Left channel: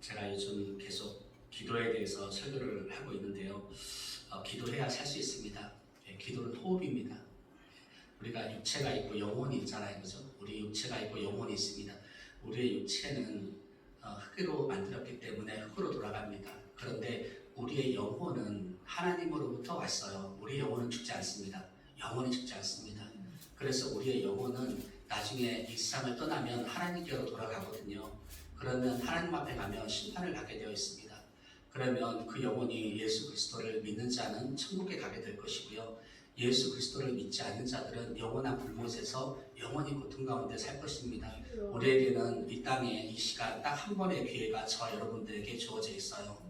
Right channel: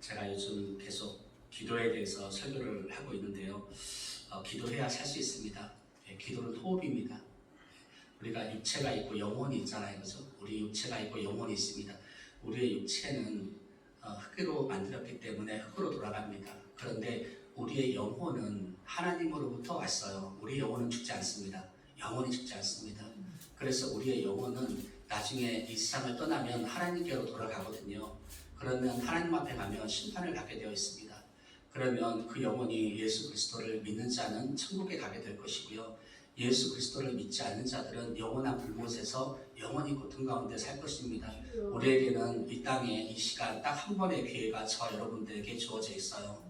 제가 요즘 계속 기도에 대해서 설교를 하고 있는데요. 기도해야 살 수 있습니다. 기도는 호흡입니다. 우리가 육체가 있고 영혼이 있잖아요. 그죠? 우리 육체가 있고 영혼이 있습니다. 우리의 육체는 흙으로 만들었기 때문에 흙으로 돌아갑니다. 그런데 우리의 영혼은 하나님으로부터 왔어요. 우리의 영혼은 죽지 않습니다. 영혼이 죽지 않습니다. 그래서 우리의 영혼은 나중에 이 세상을 떠나면 하나님께로 돌아가거든요. 그러면 하나님 앞에 가면 심판을 받게 되어 있습니다. 그러면 그 영혼이 예수 그리스도를 믿는 자는 천국에 가게 될 것이고요. 예수 그리스도를 믿지 않는 자들은 영원한 불못에서 영원히 고통 가운데 살 것입니다. 우리에게는 이 땅에 이 시간 딱 한 번의 기회가 저 여러분들에게 주어져 있어요.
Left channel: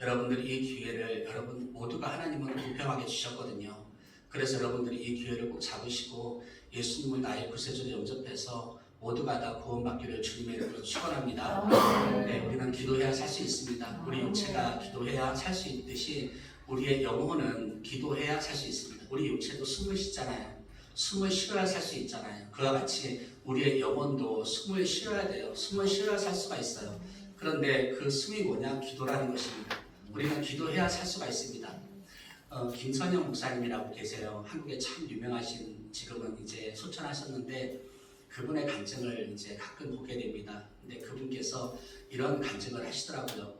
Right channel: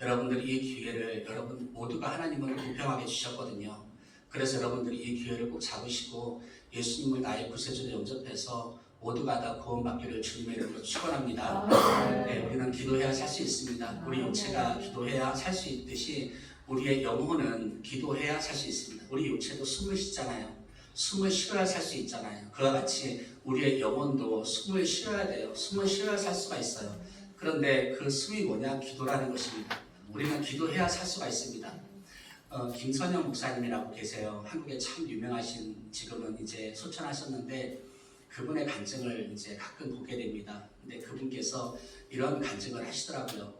여러분들이 이 기회를 여러분 모두가 하나님은 공평하게 주셨거든요. 그래서 여러분들이 이 기회를 꼭 잡으시고 예수님을 나의 구세주로 영접해서 모두가 다 구원받기를 주님의 이름으로 축원합니다. 네, 우리는 기도해야 살 수 있습니다. 우리 육체가 기도해야 살 수 있듯이 우리의 영혼은 기도해야 살 수 있습니다. 우리 육체도 숨을 쉬잖아요. 숨을 쉬어야 살 수 있잖아요. 그와 같이 우리의 영혼도 숨을 쉬어야 돼요. 숨을 쉬어야 살 수가 있어요. 그런데 그 숨이 뭐냐? 기도라는 것입니다. 우리는 기도해야 살 수가 있습니다. 김선영 목사님이라고 계세요. 한국에 참 유명하신, 지금은 이제 소천하셨는데 그분의 간증을 이제 가끔 보게 됩니다. 근데 그분께서 이런 간증을 하시더라고요.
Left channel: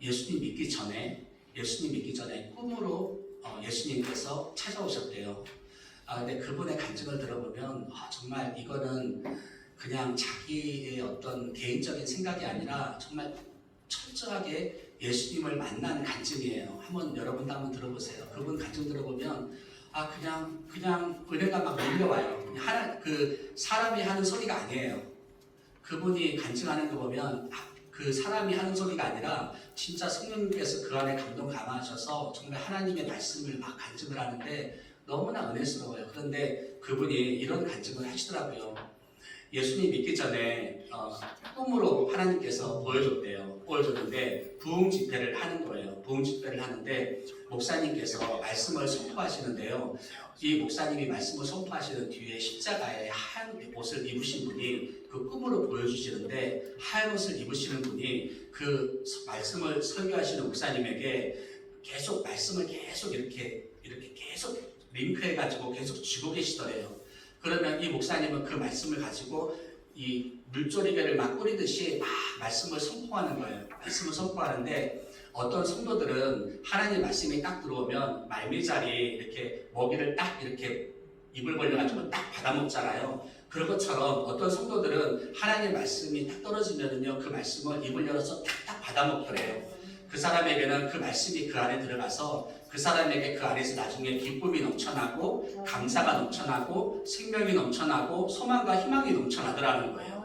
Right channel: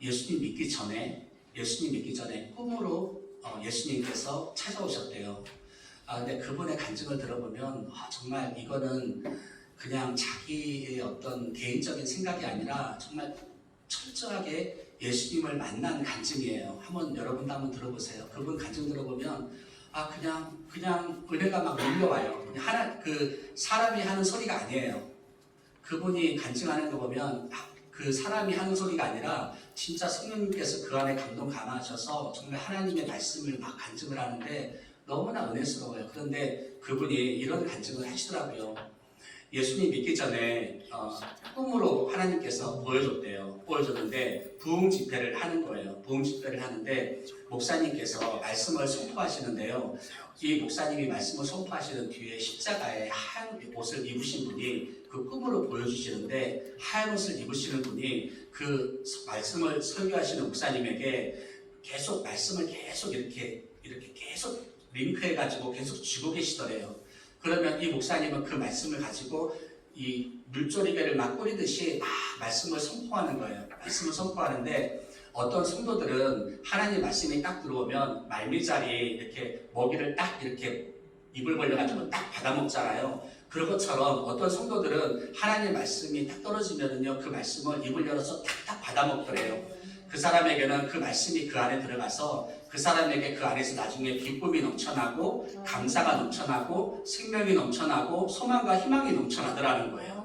예수님 믿기 전에 꿈으로 예수님께서 찾아오셨대요. 근데 그분의 간증을 들어보면 정말 이거는 그냥 자기의 어떤 개인적인 생각이 아니라 정말 철저하게 예수님을 만난 간증이에요. 여러분도 한번 들어보세요. 그분 간증 들어보면 그냥 은혜가 막 밀려와요. 그 사람이 하는 소리가 아니에요. 그분이 간증하는 거 보면 그 사람이 하는 소리가 아니라 진짜 성령님께서 그 안에 감동 감하셔서 정말 하나님의 말씀을 막 간증을 하는데 너무나 은혜스러워요. 그런데 그분이 이런 간증을 하시더라고요. 예수님 믿기 전에 꿈으로 하나님께서 보여줬는데 부흥 집회를 하는 거예요. 부흥 집회를 하는데 목사님께서 말씀을 선포하시는데요. 이 목사님이 말씀을 선포하시는 뒤에 십자가에 하얀 옷을 입으신 분이 그 꿈으로 보여주시는데 하얀 옷을 입으시는 분이 그 말씀을 설교하시는 목사님에게 계속 말씀을 계속 이렇게 계속 링크해가지고 계속 쥐고 계시더래요. 그러면 이 목사님은 그 말씀을 가지고 이 물조리개를 막 뿌리듯이 막 말씀을 선포하는 거예요. 말씀을 선포하는데 어떤 성도들은 하나님 말씀이 딱 들어오면 말미잘이 이렇게 먹이를 딱 이렇게 입을 벌려가지고 딱 받아먹잖아요. 그런 것처럼 어떤 성도들은 하나님 말씀이 딱 떨어지면은요, 그 말씀을 입을 열어서 딱딱 받아먹더래요. 그 사람에게는 그 말씀이 그 안에 들어가서 그 사람에게 그 안에서 나중에 기쁨이 넘쳐나고 감사가 넘쳐나고 생명이 넘쳐나고 소망과 희망이 넘쳐나더라는 거예요.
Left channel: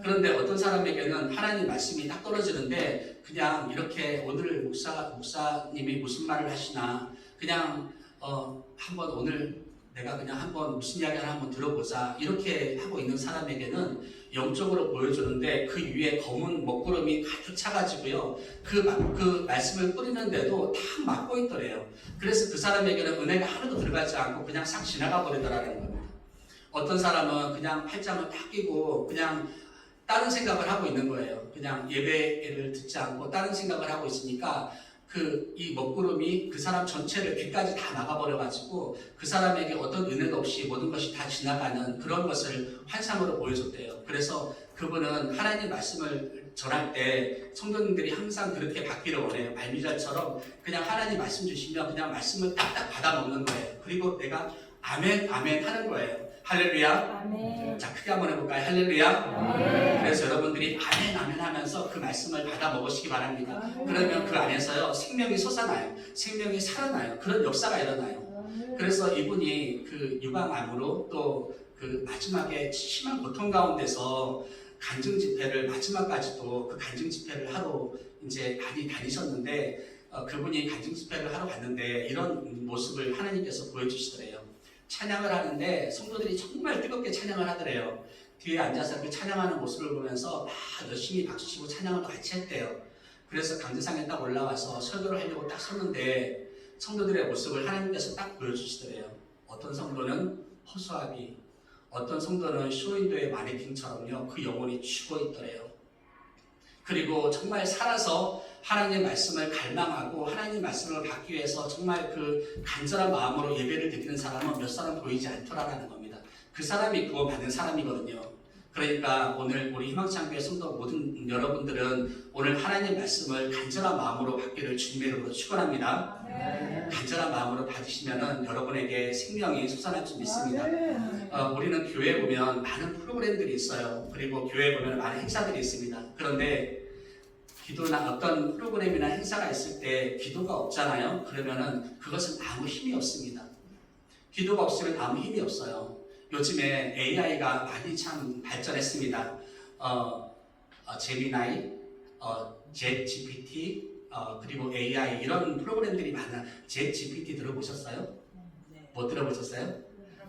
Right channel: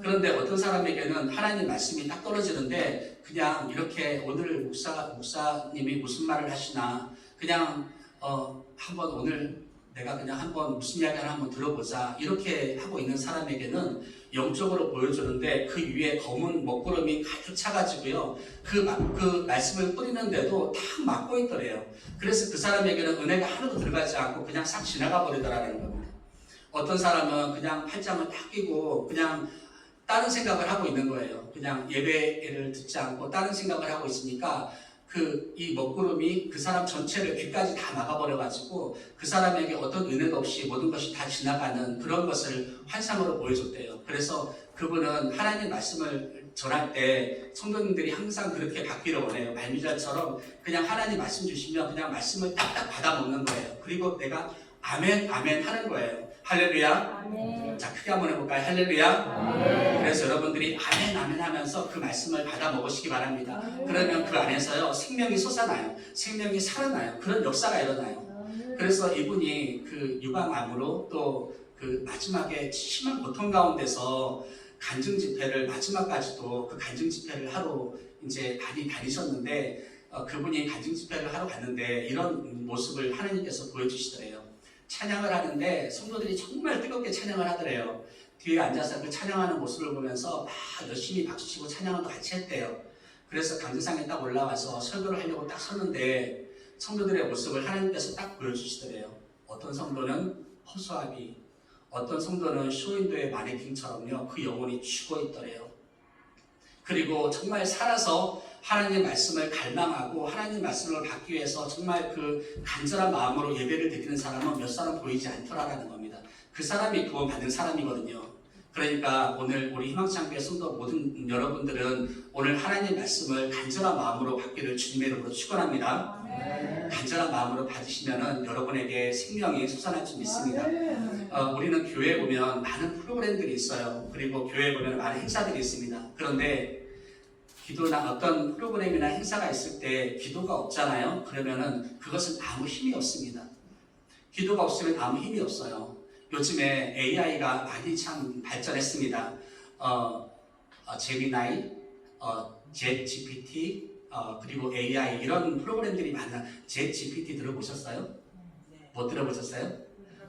그런데 어떤 사람에게는 하나님 말씀이 딱 떨어지는데 그냥 이렇게 오늘 목사님이 무슨 말을 하시나 그냥 한번 오늘 내가 그냥 한번 무슨 이야기 하나 한번 들어보자 이렇게 하고 있는 사람에게는 영적으로 보여주는데 그 위에 검은 먹구름이 가득 차가지고요. 그 말씀을 뿌리는데도 다 막고 있더래요. 그래서 그 사람에게는 은혜가 하나도 들어가지 않고 그냥 싹 지나가 버리더라는 겁니다. 어떤 사람은 그냥 팔짱을 딱 끼고 그냥 다른 생각을 하고 있는 거예요. 그냥 예배를 듣지 않고 다른 생각을 하고 있으니까 이 먹구름이 그 사람 전체를 귀까지 다 막아버려가지고 그 사람에게 어떤 은혜도 없이 모든 것이 다 지나가는 그런 것을 환상으로 보여줬대요. 그래서 그분은 하나님 말씀을 전할 때 성도님들이 항상 그렇게 받기를 원해요. 말미잘처럼 그냥 하나님 말씀 주시면 그냥 말씀을 딱딱 받아먹는 거예요. 그리고 내가 아멘 아멘 하는 거예요. 할렐루야. 아멘. 자, 크게 한번 해볼까요? 할렐루야. 아멘. 그래서 여러분들이 아멘 아멘 하면서 그 말씀을 받아 먹으시기 바랍니다. 아멘. 그러면 그 안에서요 생명이 솟아나요. 생명이 살아나요. 그런 역사가 일어나요. 그래서 이분이 그 유방암으로 또 그 마지막에 심한 고통 가운데서 간증 집회를 마지막까지도 그 간증 집회를 하러 이제 많이 다니셨는데 그분이 간증 집회를 하러 갔는데 이런 모습을 하나님께서 보여주시더래요. 찬양을 하는데 성도들이 정말 뜨겁게 찬양을 하더래요. 뒤에 앉아서 그 찬양하는 모습을 보면서 막 열심히 박수치고 찬양을 또 같이 했대요. 그래서 강제상에 딱 올라와서 설교를 하려고 딱 섰는데 성도들의 모습을 하나님께서 딱 보여주시더래요. 어떤 성도는 허수아비, 어떤 성도는 쇼윈도의 마네킹처럼요 그 영혼이 죽어 있더래요. 그리고 정말 살아서 하나님의 말씀을 갈망하고 하나님의 말씀을 받기 위해서 정말 그 간절한 마음으로 예배를 드리는 사람은 몇 사람 보이지 않더라라는 겁니다. 그 사람이 구원받는 사람이거든요. 그러니까 오늘 우리 희망창교회 성도 모든 여러분들은 오늘 하나님의 말씀을 간절한 마음으로 받기를 주님의 이름으로 축원합니다. 간절한 마음으로 받으시면 여러분에게 생명이 솟아날 줄 믿습니다. 우리는 교회에 보면 많은 프로그램들이 있어요. 그리고 교회에 보면 많은 행사들이 있습니다. 그런데 기도나 어떤 프로그램이나 행사가 있을 때 기도가 없잖아요. 그러면은 그것은 아무 힘이 없습니다. 기도가 없으면 아무 힘이 없어요. 요즘에 AI가 많이 참 발전했습니다. 제미나이, 챗GPT, 그리고 AI 이런 프로그램들이 많아. 챗GPT 들어보셨어요? 못 들어보셨어요?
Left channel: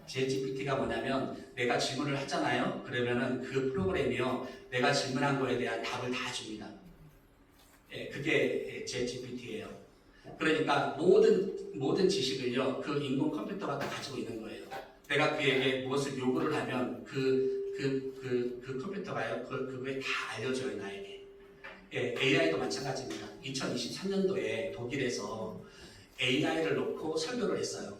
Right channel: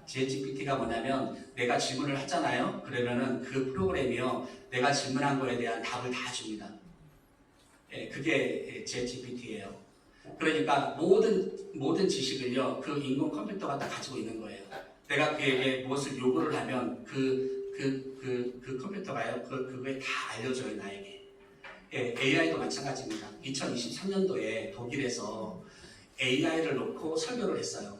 챗GPT가 뭐냐면 내가 질문을 하잖아요. 그러면은 그 프로그램이요, 내가 질문한 거에 대한 답을 다 줍니다. 그게 챗GPT예요. 그러니까 모든 지식을요, 그 인공 컴퓨터가 다 가지고 있는 거예요. 내가 그에게 무엇을 요구를 하면 그 컴퓨터가요, 그거에 다 알려줘요, 나에게. AI도 마찬가지입니다. 2023년도에 독일에서 AI를 놓고 설교를 했어요.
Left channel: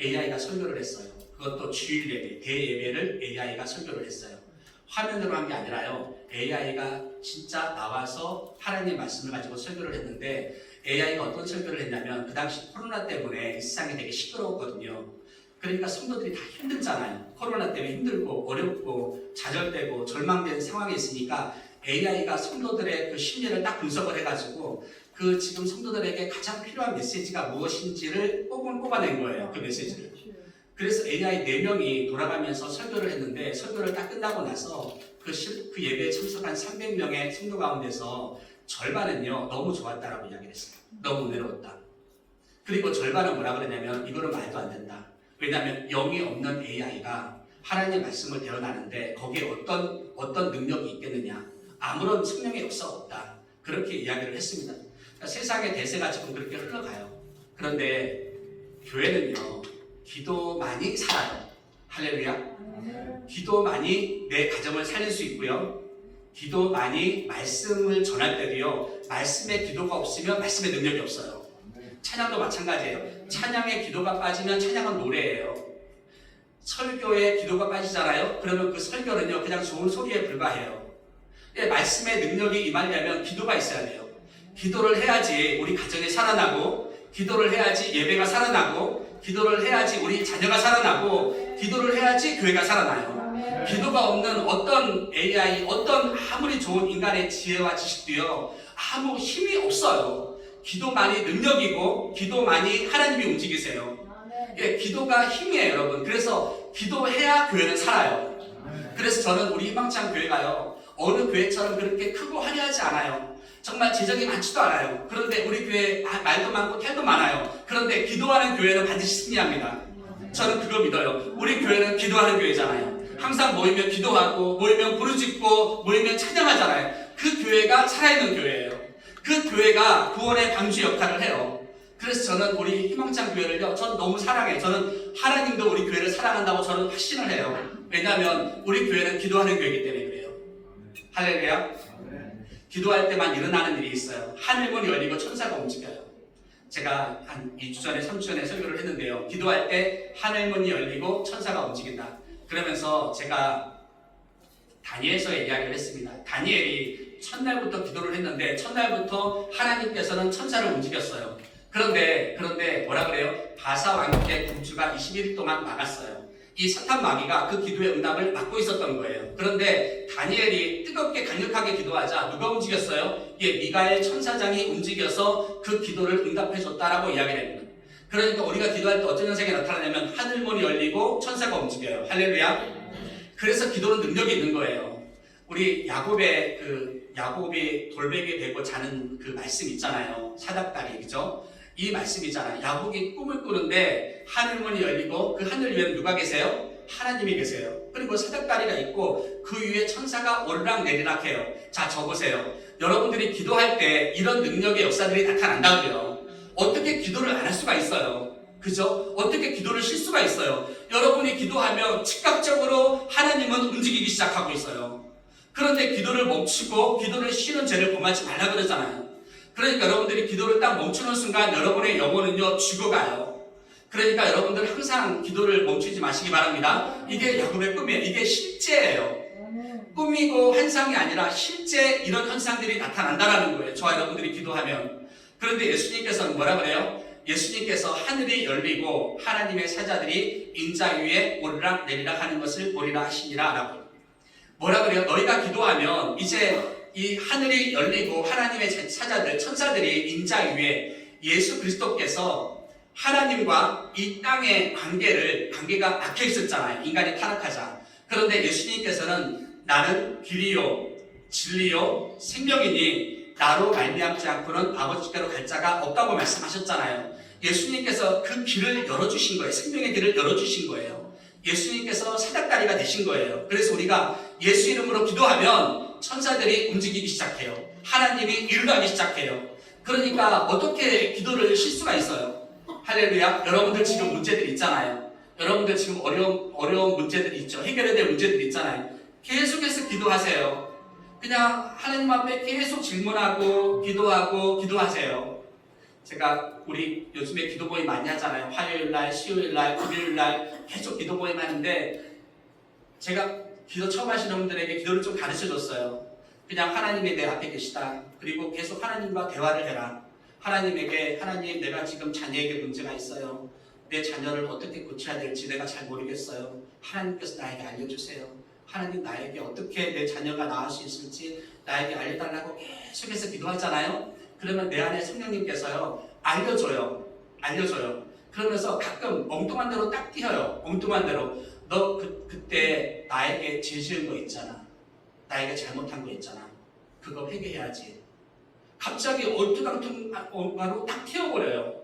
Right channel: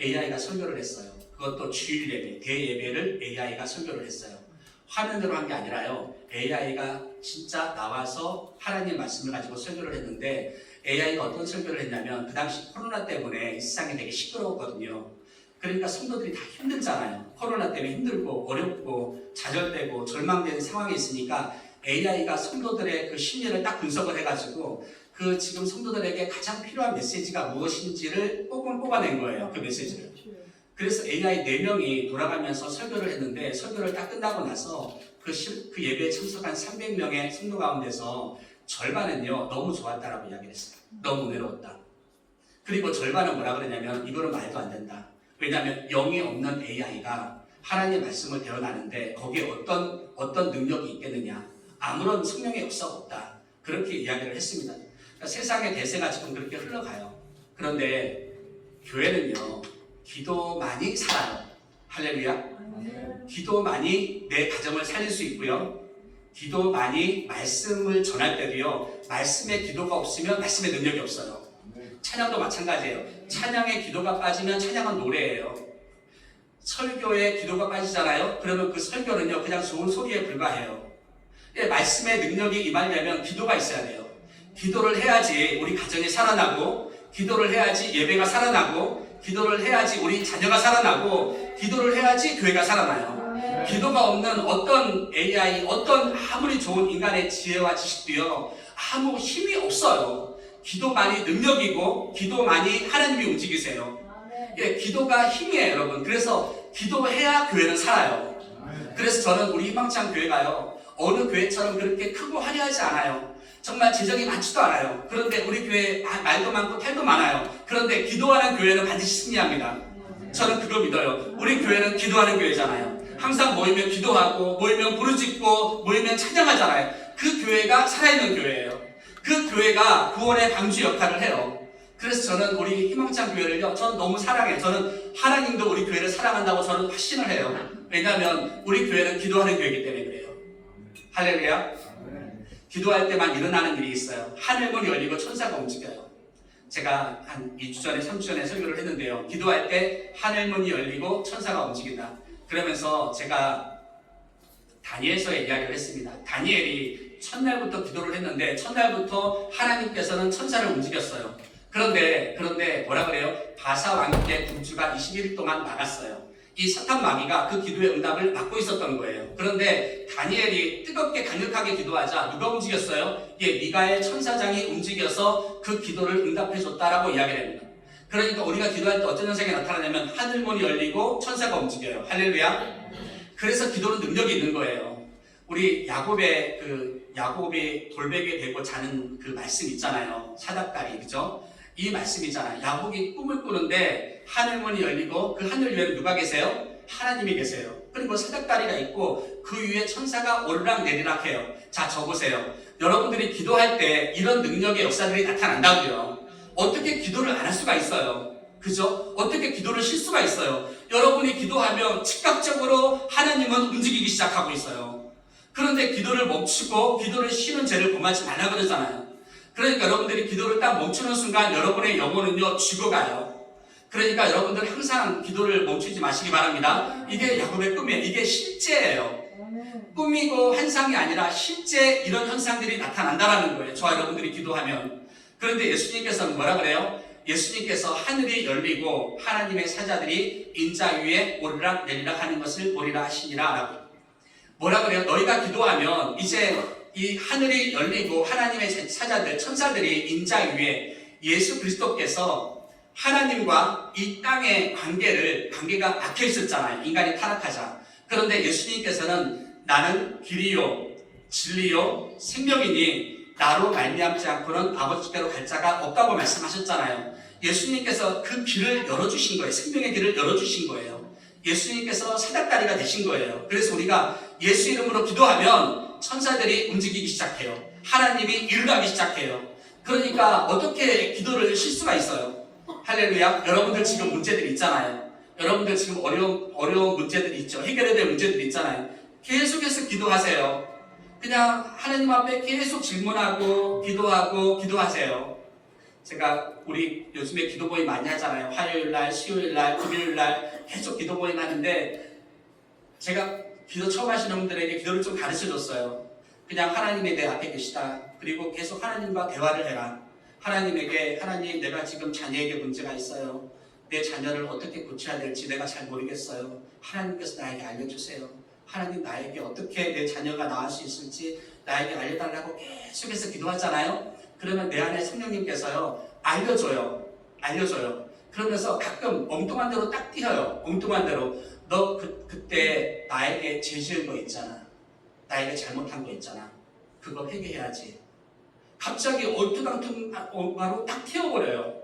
AI가 설교를 했어요. 그것도 주일 예배, 대예배를 AI가 설교를 했어요. 화면으로 한 게 아니라요, AI가 진짜 나와서 하나님 말씀을 가지고 설교를 했는데, AI가 어떤 설교를 했냐면, 그 당시 코로나 때문에 이 세상이 되게 시끄러웠거든요. 그러니까 성도들이 다 힘들잖아요. 코로나 때문에 힘들고 어렵고 좌절되고 절망된 상황에 있으니까 AI가 성도들의 그 심리를 딱 분석을 해가지고 그 지금 성도들에게 가장 필요한 메시지가 무엇인지를 뽑아낸 거예요. 그 메시지를. 그래서 AI 4명이 돌아가면서 설교를 했는데, 설교를 딱 끝나고 나서 그 예배에 참석한 300명의 성도 가운데서 절반은요, 너무 좋았다라고 이야기를 했어요. 너무 은혜로웠다. 그리고 절반은 뭐라 그러냐면, 이거는 말도 안 된다. 왜냐하면 영이 없는 AI가 하나님의 말씀을 대언하는데 거기에 어떤 능력이 있겠느냐. 아무런 성령의 역사가 없다. 그렇게 이야기를 했습니다. 그러니까 세상의 대세가 지금 그렇게 흘러가요. 그런데 교회는요, 기도만이 살아요. 할렐루야. 기도만이 내 가정을 살릴 수 있고요. 기도만이 말씀을 전할 때도요, 말씀에 기도가 없으면 말씀의 능력이 없어요. 찬양도 마찬가지예요. 찬양에 기도가 빠지면 찬양은 노래예요. 설교에 기도가 빠지잖아요. 그러면 그 설교는요, 그냥 좋은 소리에 불과해요. 말씀의 능력이 임하려면 기도가 있어야 돼요. 기도를 해야지 우리 가정이 살아나고, 기도를 해야지 예배가 살아나고, 기도를 해야지 우리 자녀가 살아나고, 기도를 해야지 교회가 살아나요. 기도가 없는 어떤 AI, 어떤 아무리 좋은 인간의 지혜와 지식도요, 아무 힘이 없어요. 기도만이 능력이고, 기도만이 하나님이 움직이세요. 기도가 힘이에요, 여러분. 그래서 기도해야 교회는 살아요. 그래서 저는 우리 희망찬 교회가요, 어느 교회처럼 그렇게 크고 화려하지 않아요. 정말 재정이 많지도 않아요. 그런데 우리 교회 말도 많고 탈도 많아요. 그런데 기도하는 교회는 반드시 승리합니다. 저는 그거 믿어요. 우리 교회는 기도하는 교회잖아요. 항상 모이면 기도하고, 모이면 부르짖고, 모이면 찬양하잖아요. 그 교회가 살아있는 교회예요. 그 교회가 구원의 방주 역할을 해요. 그래서 저는 우리 희망찬 교회를요, 저는 너무 사랑해요. 저는 하나님도 우리 교회를 사랑한다고 저는 확신을 해요. 왜냐하면 우리 교회는 기도하는 교회이기 때문에 그래요. 할렐루야. 기도할 때만 일어나는 일이 있어요. 하늘문이 열리고 천사가 움직여요. 제가 한 2주 전에 3주 전에 설교를 했는데요, 기도할 때 하늘문이 열리고 천사가 움직인다. 그러면서 제가 다니엘서의 이야기를 했습니다. 다니엘이 첫날부터 기도를 했는데 첫날부터 하나님께서는 천사를 움직였어요. 그런데 뭐라 그래요? 바사 왕국의 군주가 21일 동안 막았어요. 이 사탄 마귀가 그 기도의 응답을 막고 있었던 거예요. 그런데 다니엘이 뜨겁게 강력하게 기도하자 누가 움직였어요? 미가엘 천사장이 움직여서 그 기도를 응답해 줬다라고 이야기를 합니다. 그러니까 우리가 기도할 때 어떤 현상이 나타나냐면 하늘문이 열리고 천사가 움직여요. 할렐루야. 그래서 기도는 능력이 있는 거예요. 우리 야곱이 돌베개 베고 자는 그 말씀 있잖아요. 사닥다리, 그죠? 이 말씀이잖아요. 야곱이 꿈을 꾸는데 하늘문이 열리고 그 하늘 위에 누가 계세요? 하나님이 계세요. 그리고 사닥다리가 있고 그 위에 천사가 오르락 내리락 해요. 자, 적으세요. 여러분들이 기도할 때 이런 능력의 역사들이 나타난다고요. 어떻게 기도를 안 할 수가 있어요? 그죠? 어떻게 기도를 쉴 수가 있어요? 여러분이 기도하면 즉각적으로 하나님은 움직이기 시작하고 있어요. 그런데 기도를 멈추고 기도를 쉬는 죄를 범하지 말라 그러잖아요. 그러니까 여러분들이 기도를 딱 멈추는 순간 여러분의 영혼은요 죽어가요. 그러니까 여러분들 항상 기도를 멈추지 마시기 바랍니다. 이게 야곱의 꿈이에요. 이게 실제예요. 꿈이고 환상이 아니라 실제 이런 현상들이 나타난다는 거예요. 저와 여러분들이 기도하면. 그런데 예수님께서는 뭐라 그래요? 예수님께서 하늘이 열리고 하나님의 사자들이 인자 위에 오르락 내리락 하는 것을 보리라 하시니라 라고. 뭐라 그래요? 너희가 기도하면 이제 이 하늘이 열리고 하나님의 사자들, 천사들이 인자 위에 예수 그리스도께서 하나님과 이 땅의 관계가 막혀 있었잖아요. 인간이 타락하자. 그런데 예수님께서는 나는 길이요 진리요 생명이니 나로 말미암지 않고는 아버지께로 갈 자가 없다고 말씀하셨잖아요. 예수님께서 그 길을 열어주신 거예요. 생명의 길을 열어주신 거예요. 예수님께서 사닥다리가 되신 거예요. 그래서 우리가 예수 이름으로 기도하면 천사들이 움직이기 시작해요. 하나님이 일을 하기 시작해요. 그러니까 어떻게 기도를 쉴 수가 있어요? 할렐루야. 여러분들 지금 문제들 있잖아요. 여러분들 지금 어려운 문제들이 있죠. 해결해야 될 문제들이 있잖아요. 계속해서 기도하세요. 그냥 하나님 앞에 계속 질문하고 기도하세요. 제가 우리 요즘에 기도 모임 많이 하잖아요. 화요일날, 수요일날, 금요일날 계속 기도 모임 하는데 제가 기도 처음 하시는 분들에게 기도를 좀 가르쳐줬어요. 그냥 하나님이 내 앞에 계시다. 그리고 계속 하나님과 대화를 해라. 하나님에게 하나님 내가 지금 자녀에게 문제가 있어요. 내 자녀를 어떻게 고쳐야 될지 내가 잘 모르겠어요. 하나님께서 나에게 알려주세요. 하나님 나에게 어떻게 내 자녀가 나을 수 있을지 나에게 알려달라고 계속해서 기도하잖아요. 그러면 내 안에 성령님께서요 알려줘요. 그러면서 가끔 엉뚱한 대로 딱 띄어요. 엉뚱한 대로 너 그때 나에게 죄 지은 거 있잖아. 나에게 잘못한 거 있잖아. 그거 회개해야지. 갑자기 얼토당토로 딱 튀어버려요.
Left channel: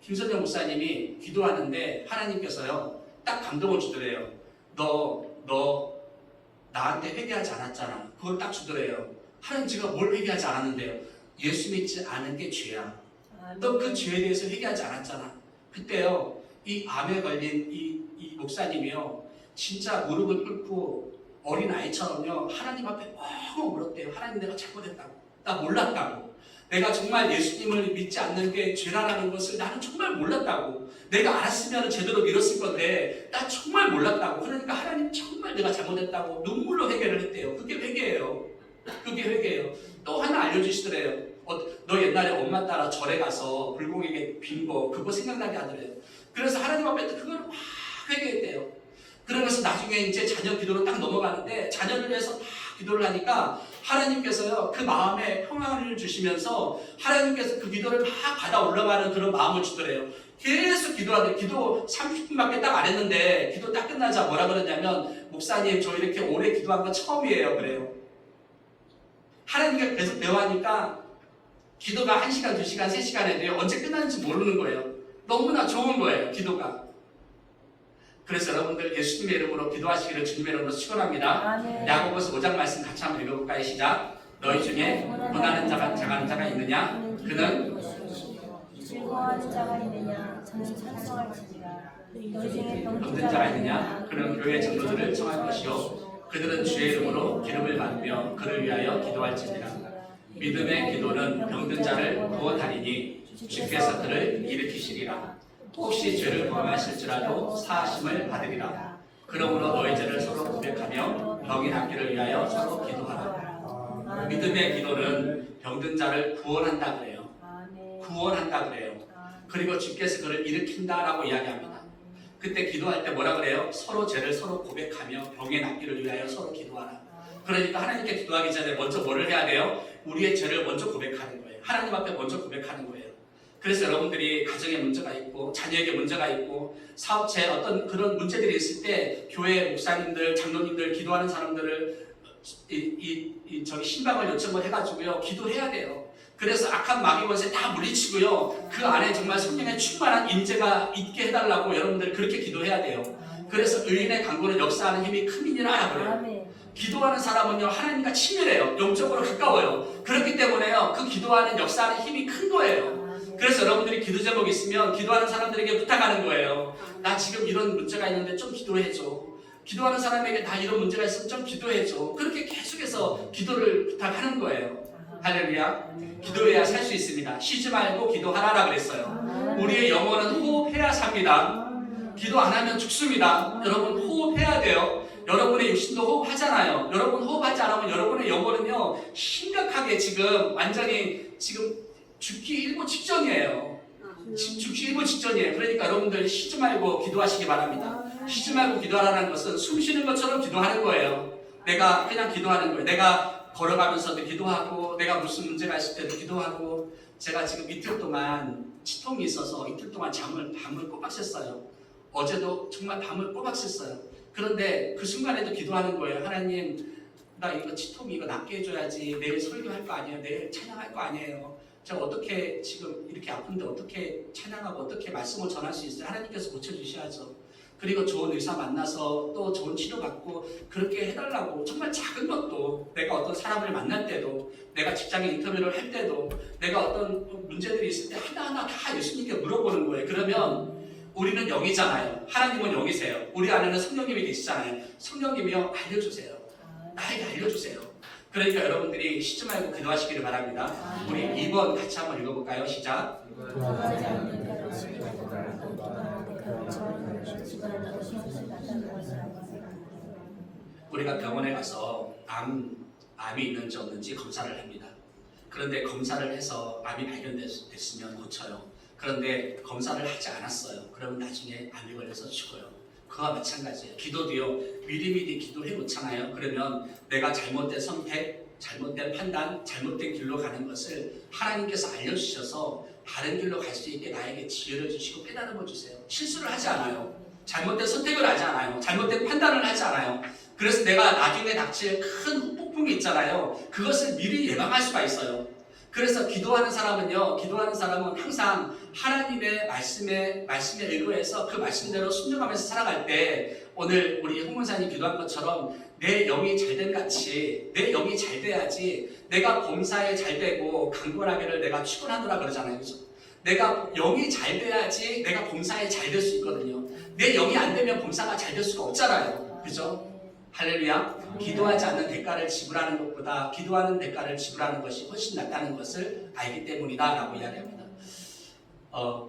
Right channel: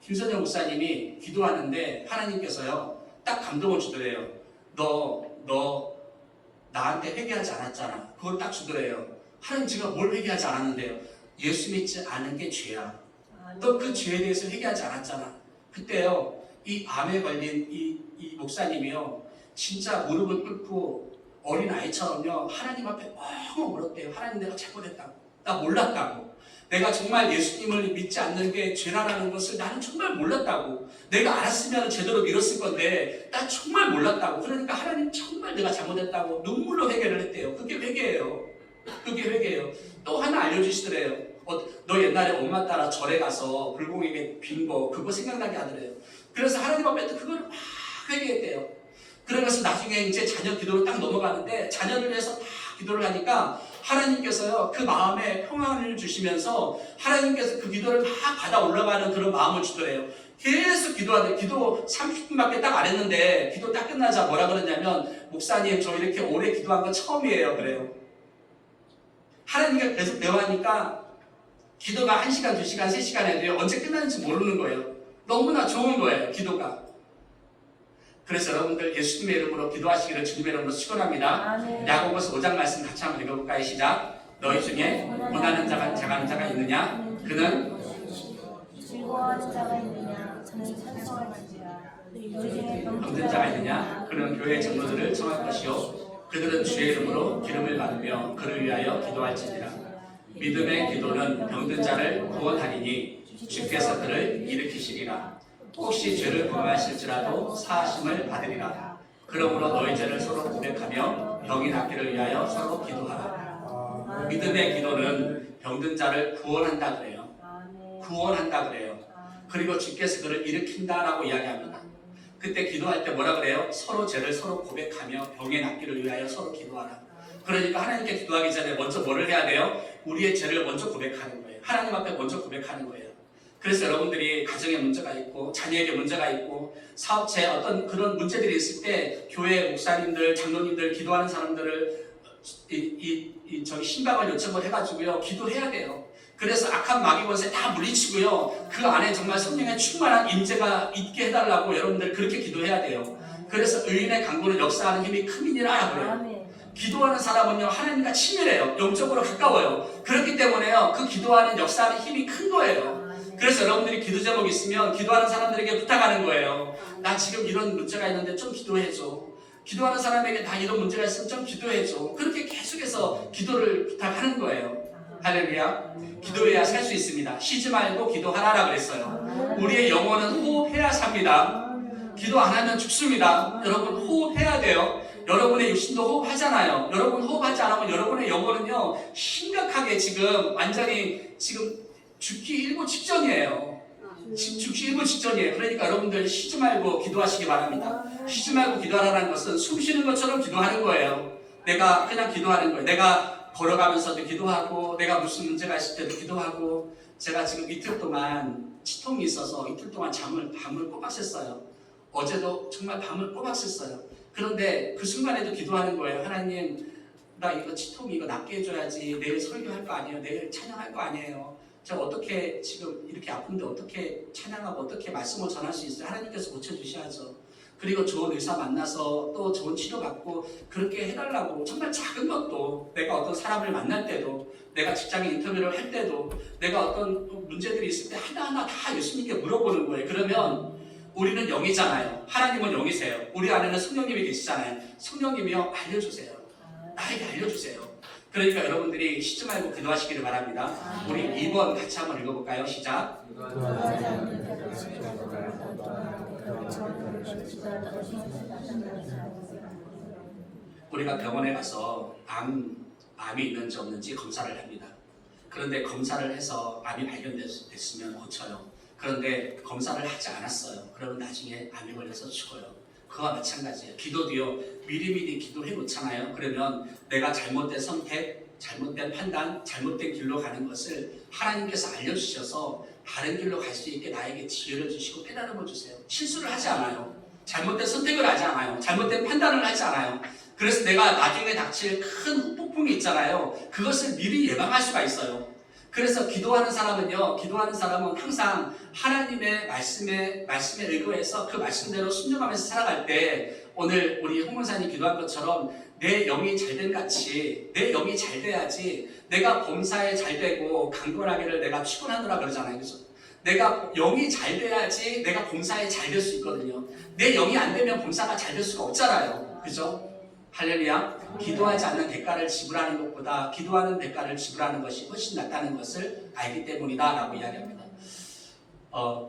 김선영 목사님이 기도하는데 하나님께서요 딱 감동을 주더래요. 너 나한테 회개하지 않았잖아. 그걸 딱 주더래요. 하나님 제가 뭘 회개하지 않았는데요. 예수 믿지 않은 게 죄야. 너 그 죄에 대해서 회개하지 않았잖아. 그때요 이 암에 걸린 이 목사님이요 진짜 무릎을 꿇고 어린 아이처럼요 하나님 앞에 엉엉 울었대요. 하나님 내가 잘못했다고. 나 몰랐다고. 내가 정말 예수님을 믿지 않는 게 죄라는 것을 나는 정말 몰랐다고. 내가 알았으면 제대로 믿었을 건데 나 정말 몰랐다고. 그러니까 하나님 정말 내가 잘못했다고 눈물로 회개를 했대요. 그게 회개예요. 또 하나 알려주시더래요. 너 옛날에 엄마 따라 절에 가서 불공에게 빈 거 그거 생각나게 하더래요. 그래서 하나님 앞에 또 그걸 막 회개했대요. 그러면서 나중에 이제 자녀 기도로 딱 넘어가는데 자녀를 위해서 막 기도를 하니까 하나님께서요 그 마음에 평안을 주시면서 하나님께서 그 기도를 막 받아 올라가는 그런 마음을 주더래요. 계속 기도하더래요. 기도 30분밖에 딱 안 했는데 기도 딱 끝나자 뭐라 그러냐면 목사님 저 이렇게 오래 기도한 건 처음이에요 그래요. 하나님과 계속 대화하니까 기도가 1시간, 2시간, 3시간 해도 언제 끝나는지 모르는 거예요. 너무나 좋은 거예요 기도가. 그래서 여러분들 예수님의 이름으로 기도하시기를 주님의 이름으로 축원합니다. 야고보서 5장 말씀 같이 한번 읽어볼까요? 시작. 너희 중에 고난하는 자가 작아하는 자가 있느냐? 그는 즐거워하는 자가 있느냐? 저는 찬송할지라. 병든 자가 있느냐? 그는 교회 장로들을 청할 것이요 그들은 주의 이름으로 기름을 받으며 그를 위하여 기도할지니라. 믿음의 기도는 병든 자를 구원하리니 주께서 그를 일으키시리라. 혹시 죄를 범하실지라도 사하심을 받으리라. 그러므로 너희 죄를 서로 고백하며 병이 낫기를 위하여 서로 기도하라. 믿음의 기도는 병든 자를 구원한다 그래요. 그리고 주께서 그를 일으킨다라고 이야기합니다. 그때 기도할 때 뭐라 그래요? 서로 죄를 서로 고백하며 병이 낫기를 위하여 서로 기도하라. 그러니까 하나님께 기도하기 전에 먼저 뭐를 해야 돼요? 우리의 죄를 먼저 고백하는 거예요. 하나님 앞에 먼저 고백하는 거예요. 그래서 여러분들이 가정에 문제가 있고 자녀에게 문제가 있고 사업체에 어떤 그런 문제들이 있을 때 교회 목사님들, 장로님들, 기도하는 사람들을 저기 신방을 요청을 해가지고요 기도해야 돼요. 그래서 악한 마귀 권세 다 물리치고요 그 안에 정말 성령의 충만한 임재가 있게 해달라고 여러분들 그렇게 기도해야 돼요. 그래서 의인의 간구는 역사하는 힘이 큼이니라 그래요. 기도하는 사람은요 하나님과 친밀해요. 영적으로 가까워요. 그렇기 때문에요 그 기도하는 역사하는 힘이 큰 거예요. 그래서 여러분들이 기도 제목이 있으면 기도하는 사람들에게 부탁하는 거예요. 나 지금 이런 문제가 있는데 좀 기도해줘. 기도하는 사람에게 다 이런 문제가 있으면 좀 기도해줘. 그렇게 계속해서 기도를 부탁하는 거예요. 할렐루야. 기도해야 살 수 있습니다. 쉬지 말고 기도하라라 그랬어요. 우리의 영혼은 호흡해야 삽니다. 기도 안 하면 죽습니다. 여러분 호흡해야 돼요. 여러분의 육신도 호흡하잖아요. 여러분 호흡하지 않으면 여러분의 영혼은요 심각하게 지금 완전히 지금 죽기 일보 직전이에요. 죽기 일보 직전이에요. 그러니까 여러분들 쉬지 말고 기도하시기 바랍니다. 쉬지 말고 기도하라는 것은 숨 쉬는 것처럼 기도하는 거예요. 내가 그냥 기도하는 거예요. 내가 걸어가면서도 기도하고 내가 무슨 문제가 있을 때도 기도하고 제가 지금 이틀 동안 치통이 있어서 이틀 동안 밤을 꼬박 샜어요. 어제도 정말 밤을 꼬박 샜어요. 그런데 그 순간에도 기도하는 거예요. 하나님 나 이거 치통 이거 낫게 해줘야지. 내일 설교할 거 아니에요. 내일 찬양할 거 아니에요. 제가 어떻게 지금 이렇게 아픈데 어떻게 찬양하고 어떻게 말씀을 전할 수 있어요? 하나님께서 고쳐주셔야죠. 그리고 좋은 의사 만나서 또 좋은 치료받고 그렇게 해달라고 정말 작은 것도 내가 어떤 사람을 만날 때도 내가 직장에 인터뷰를 할 때도 내가 어떤 문제들이 있을 때 하나하나 다 예수님께 물어보는 거예요. 그러면 우리는 영이잖아요. 하나님은 영이세요. 우리 안에는 성령님이 계시잖아요. 성령님이요 알려주세요. 나에게 알려주세요. 그러니까 여러분들이 쉬지 말고 기도하시기를 바랍니다. 우리 2번 같이 한번 읽어볼까요? 시작. 우리가 병원에 가서 암이 있는지 없는지 검사를 합니다. 그런데 검사를 해서 암이 발견됐으면 고쳐요. 그런데 검사를 하지 않았어요. 그러면 나중에 암이 걸려서 죽어요. 그와 마찬가지예요. 기도도요. 미리미리 기도해 놓잖아요. 그러면 내가 잘못된 선택, 잘못된 판단, 잘못된 길로 가는 것을 하나님께서 알려주셔서 바른 길로 갈 수 있게 나에게 지혜를 주시고 깨달음을 주세요. 실수를 하지 않아요. 잘못된 선택을 하지 않아요. 잘못된 판단을 하지 않아요. 그래서 내가 나중에 닥칠 큰 폭풍이 있잖아요. 그것을 미리 예방할 수가 있어요. 그래서 기도하는 사람은 항상 하나님의 말씀에 의거해서 그 말씀대로 순종하면서 살아갈 때 오늘 우리 홍문사님 기도한 것처럼 내 영이 잘된 같이 내 영이 잘 돼야지 내가 범사에 잘 되고 강건하게를 내가 축원하노라 그러잖아요. 그죠? 내가 영이 잘 돼야지 내가 범사에 잘 될 수 있거든요. 내 영이 안 되면 범사가 잘 될 수가 없잖아요. 그죠? 할렐루야. 기도하지 않는 대가를 지불하는 것보다 기도하는 대가를 지불하는 것이 훨씬 낫다는 것을 알기 때문이다 라고 이야기합니다.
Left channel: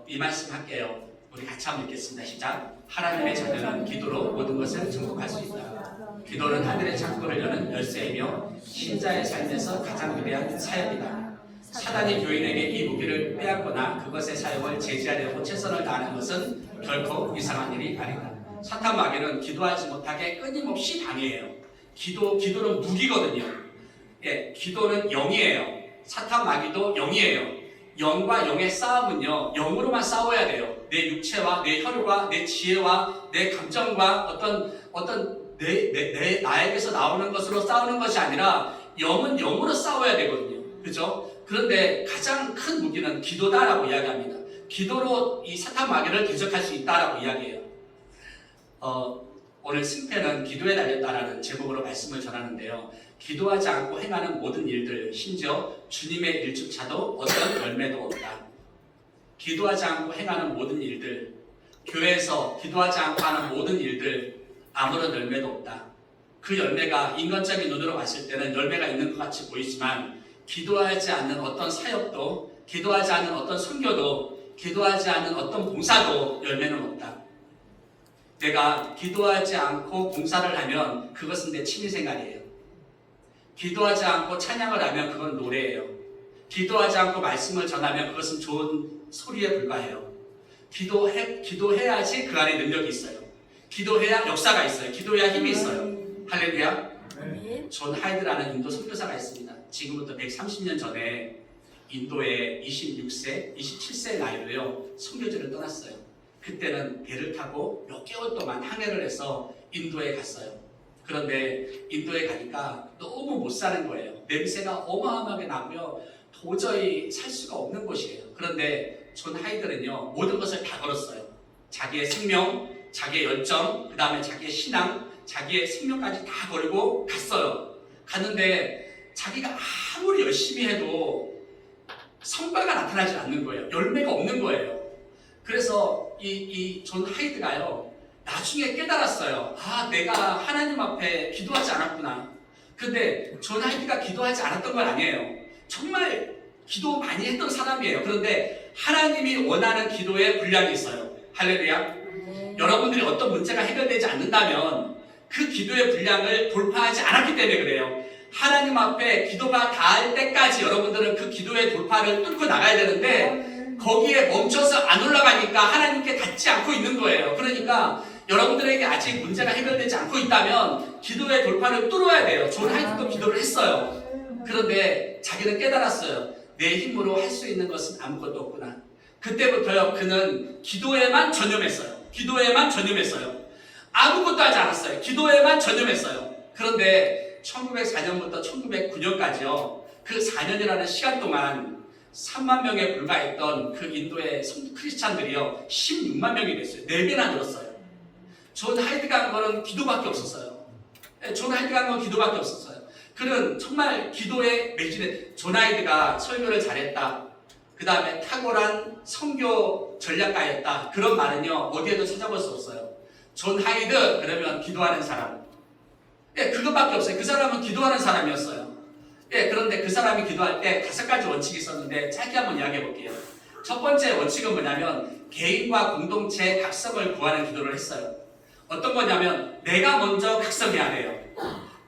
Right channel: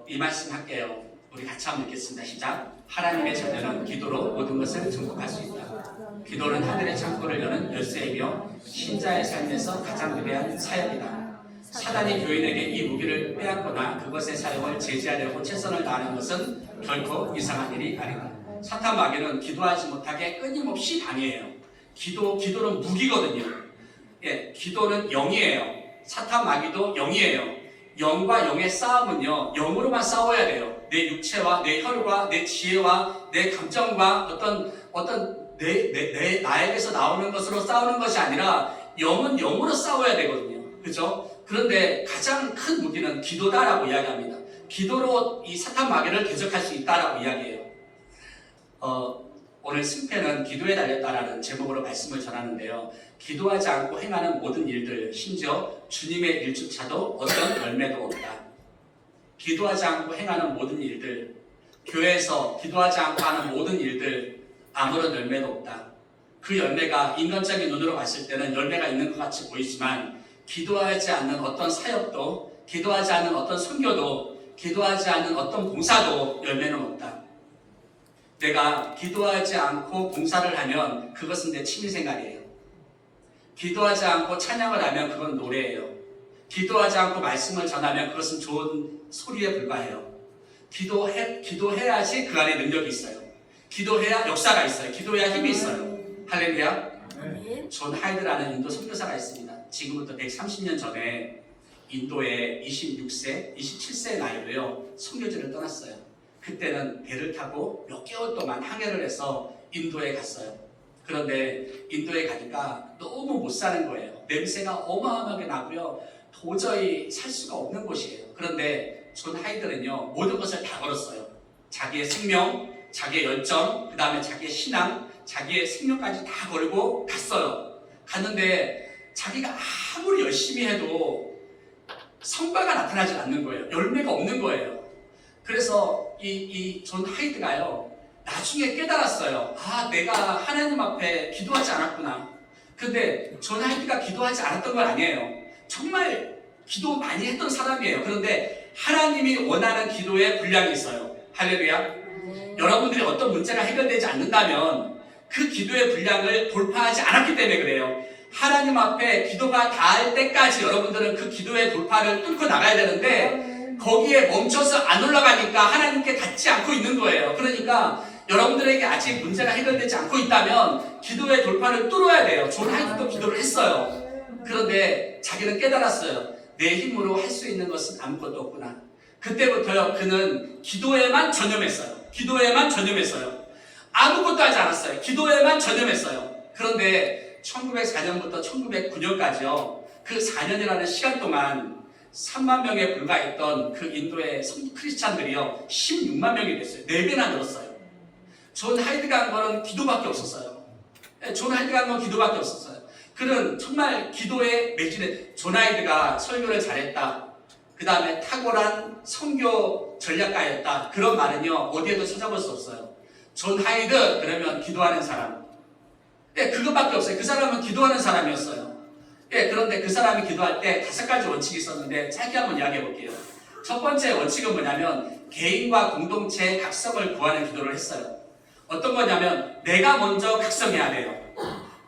이 말씀 할게요. 우리 같이 한번 읽겠습니다. 시작. 하나님의 자녀는 기도로 모든 것을 정복할 수 있다. 기도는 하늘의 창고를 여는 열쇠이며 신자의 삶에서 가장 위대한 사역이다. 사단이 교인에게 이 무기를 빼앗거나 그것의 사용을 제지하려고 최선을 다하는 것은 결코 이상한 일이 아니다. 사탄 마귀는 기도하지 못하게 끊임없이 방해해요. 기도는 무기거든요. 예, 기도는 영이에요. 사탄 마귀도 영이에요. 영과 영의 싸움은요, 영으로만 싸워야 돼요. 내 육체와 내 혈과 내 지혜와 내 감정과 어떤 나에게서 나오는 것으로 싸우는 것이 아니라 영은 영으로 싸워야 되거든요. 그죠? 그런데 가장 큰 무기는 기도다라고 이야기합니다. 기도로 이 사탄 마귀를 대적할 수 있다라고 이야기해요. 오늘 승패는 기도에 달렸다라는 제목으로 말씀을 전하는데요. 기도하지 않고 행하는 모든 일들, 심지어 주님의 일주차도 어떤 열매도 없다. 기도하지 않고 행하는 모든 일들, 교회에서 기도하지 않고 하는 모든 일들, 아무런 열매도 없다. 그 열매가 인간적인 눈으로 봤을 때는 열매가 있는 것 같이 보이지만 기도하지 않는 어떤 사역도, 기도하지 않는 어떤 선교도, 기도하지 않는 어떤 봉사도 열매는 없다. 내가 기도하지 않고 봉사를 하면 그것은 내 취미생활이에요. 기도하지 않고 찬양을 하면 그건 노래예요. 기도하지 않고 말씀을 전하면 그것은 좋은 소리에 불과해요. 기도해야지 그 안에 능력이 있어요. 기도해야 역사가 있어요. 기도해야 힘이 있어요. 할렐루야. 존 하이드라는 인도 선교사가 있습니다. 지금부터 130년 전에 인도에 26세, 27세 나이로요 선교지를 떠났어요. 그때는 배를 타고 몇 개월 동안 항해를 해서 인도에 갔어요. 그런데 인도에 가니까 너무 못 사는 거예요. 냄새가 어마어마하게 나고요. 도저히 살 수가 없는 곳이에요. 그런데 존 하이드는요 모든 것을 다 걸었어요. 자기의 생명, 자기의 열정, 그 다음에 자기의 신앙, 자기의 생명까지 다 걸고 갔어요. 갔는데 자기가 아무리 열심히 해도 성과가 나타나지 않는 거예요. 열매가 없는 거예요. 그래서 이 존 하이드가요 나중에 깨달았어요. 아, 내가 하나님 앞에 기도하지 않았구나. 근데 존 하이드가 기도하지 않았던 건 아니에요. 정말 기도 많이 했던 사람이에요. 그런데 하나님이 원하는 기도에 분량이 있어요. 할렐루야. 여러분들이 어떤 문제가 해결되지 않는다면 그 기도의 분량을 돌파하지 않았기 때문에 그래요. 하나님 앞에 기도가 닿을 때까지 여러분들은 그 기도의 돌파를 뚫고 나가야 되는데 거기에 멈춰서 안 올라가니까 하나님께 닿지 않고 있는 거예요. 그러니까 여러분들에게 아직 문제가 해결되지 않고 있다면 기도의 돌파를 뚫어야 돼요. 존 하이드도 기도를 했어요. 그런데 자기는 깨달았어요. 내 힘으로 할 수 있는 것은 아무것도 없구나. 그때부터요, 그는 기도에만 전념했어요. 기도에만 전념했어요. 아무것도 하지 않았어요. 기도에만 전념했어요. 그런데 1904년부터 1909년까지요, 그 4년이라는 시간 동안 3만 명에 불과했던 그 인도의 크리스찬들이요 16만 명이 됐어요. 4배나 늘었어요. 존 하이드가 한 거는 기도밖에 없었어요. 존 하이드가 한 건 기도밖에 없었어요. 그는 정말 기도에 매진해. 존 하이드가 설교를 잘했다, 그 다음에 탁월한 선교 전략가였다, 그런 말은요 어디에도 찾아볼 수 없어요. 존 하이드 그러면 기도하는 사람, 그것밖에 없어요. 그 사람은 기도하는 사람이었어요. 그런데 그 사람이 기도할 때 5가지 원칙이 있었는데 짧게 한번 이야기해 볼게요. 첫 번째 원칙은 뭐냐면 개인과 공동체의 각성을 구하는 기도를 했어요. 어떤 거냐면 내가 먼저 각성해야 돼요.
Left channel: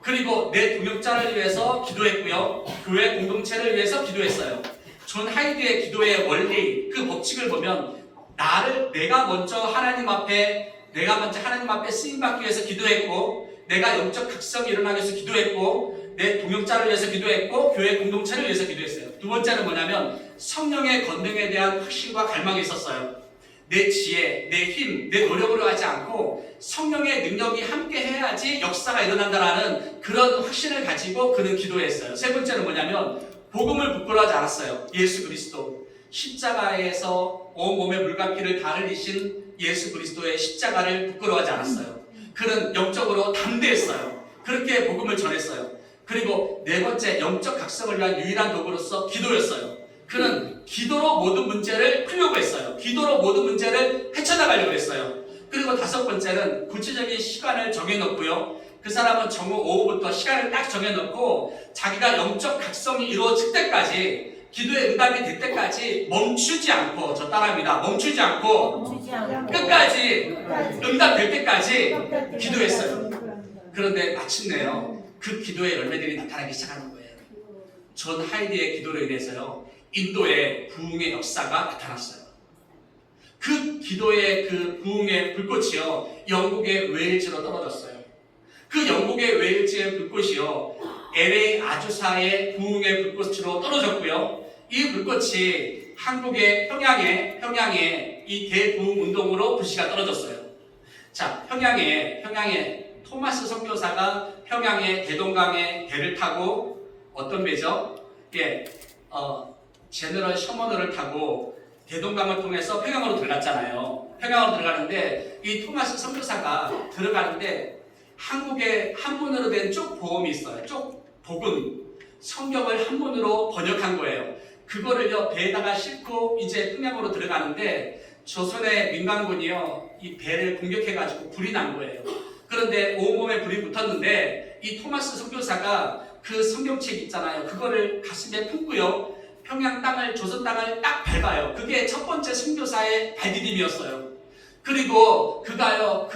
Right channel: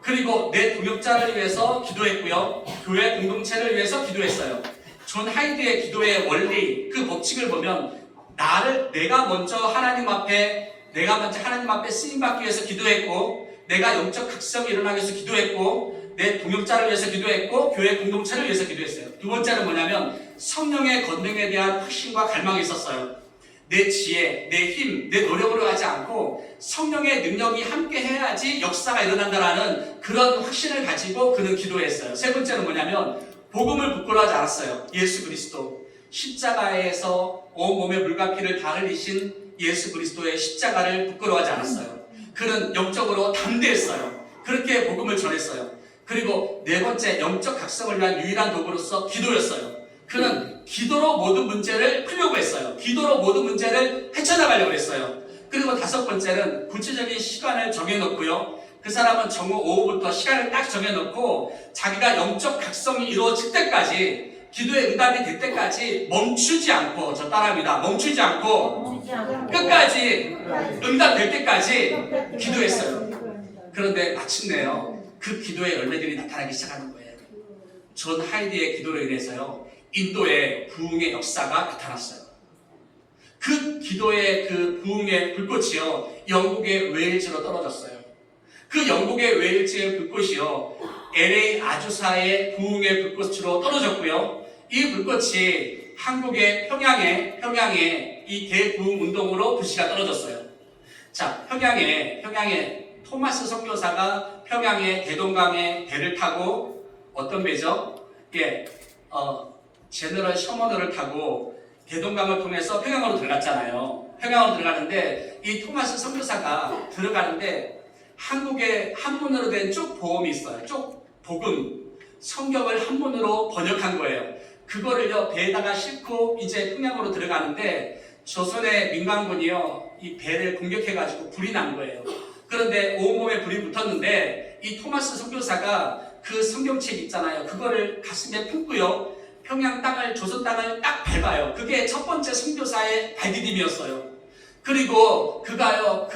그리고 내 동역자를 위해서 기도했고요, 교회 공동체를 위해서 기도했어요. 존 하이드의 기도의 원리, 그 법칙을 보면 내가 먼저 하나님 앞에 쓰임받기 위해서 기도했고, 내가 영적 각성이 일어나기 위해서 기도했고, 내 동역자를 위해서 기도했고, 교회 공동체를 위해서 기도했어요. 두 번째는 뭐냐면 성령의 권능에 대한 확신과 갈망이 있었어요. 내 지혜, 내 힘, 내 노력으로 하지 않고 성령의 능력이 함께 해야지 역사가 일어난다라는 그런 확신을 가지고 그는 기도했어요. 세 번째는 뭐냐면 복음을 부끄러워하지 않았어요. 예수 그리스도, 십자가에서 온몸의 물과 피를 다 흘리신 예수 그리스도의 십자가를 부끄러워하지 않았어요. 그는 영적으로 담대했어요. 그렇게 복음을 전했어요. 그리고 네 번째, 영적 각성을 위한 유일한 도구로서 기도였어요. 그는 기도로 모든 문제를 풀려고 했어요. 기도로 모든 문제를 헤쳐나가려고 했어요. 그리고 다섯 번째는 구체적인 시간을 정해놓고요, 그 사람은 정오 오후부터 시간을 딱 정해놓고 자기가 영적 각성이 이루어질 때까지, 기도의 응답이 될 때까지 멈추지 않고, 저 따라합니다, 멈추지 않고 끝까지 응답될 때까지 기도했어요. 그런데 마침내요, 그 기도의 열매들이 나타나기 시작하는 거예요. 존 하이드의 기도로 인해서요 인도의 부흥의 역사가 나타났어요. 그 기도의 그 부흥의 불꽃이요 영국의 웨일즈로 떨어졌어요. 그 영국의 웨일즈의 불꽃이요 LA 아주사의 부흥의 불꽃으로 떨어졌고요, 이 불꽃이 한국의 평양에 이 대부흥 운동으로 불씨가 떨어졌어요. 자, 평양에 토마스 선교사가 평양의 대동강에 배를 타고, 어떤 배죠? 제너럴 셔먼호를 타고 대동강을 통해서 평양으로 들어갔잖아요. 평양으로 들어가는데 이 토마스 선교사가 들어가는데 한국에 한문으로 된 쪽보험이 있어요. 쪽복음, 성경을 한문으로 번역한 거예요. 그거를요 배에다가 싣고 이제 평양으로 들어가는데 조선의 민간군이요 이 배를 공격해가지고 불이 난 거예요. 그런데 온몸에 불이 붙었는데 이 토마스 선교사가 그 성경책 있잖아요, 그거를 가슴에 품고요 평양 땅을, 조선 땅을 딱 밟아요. 그게 첫 번째 선교사의 발디딤이었어요. 그리고 그가요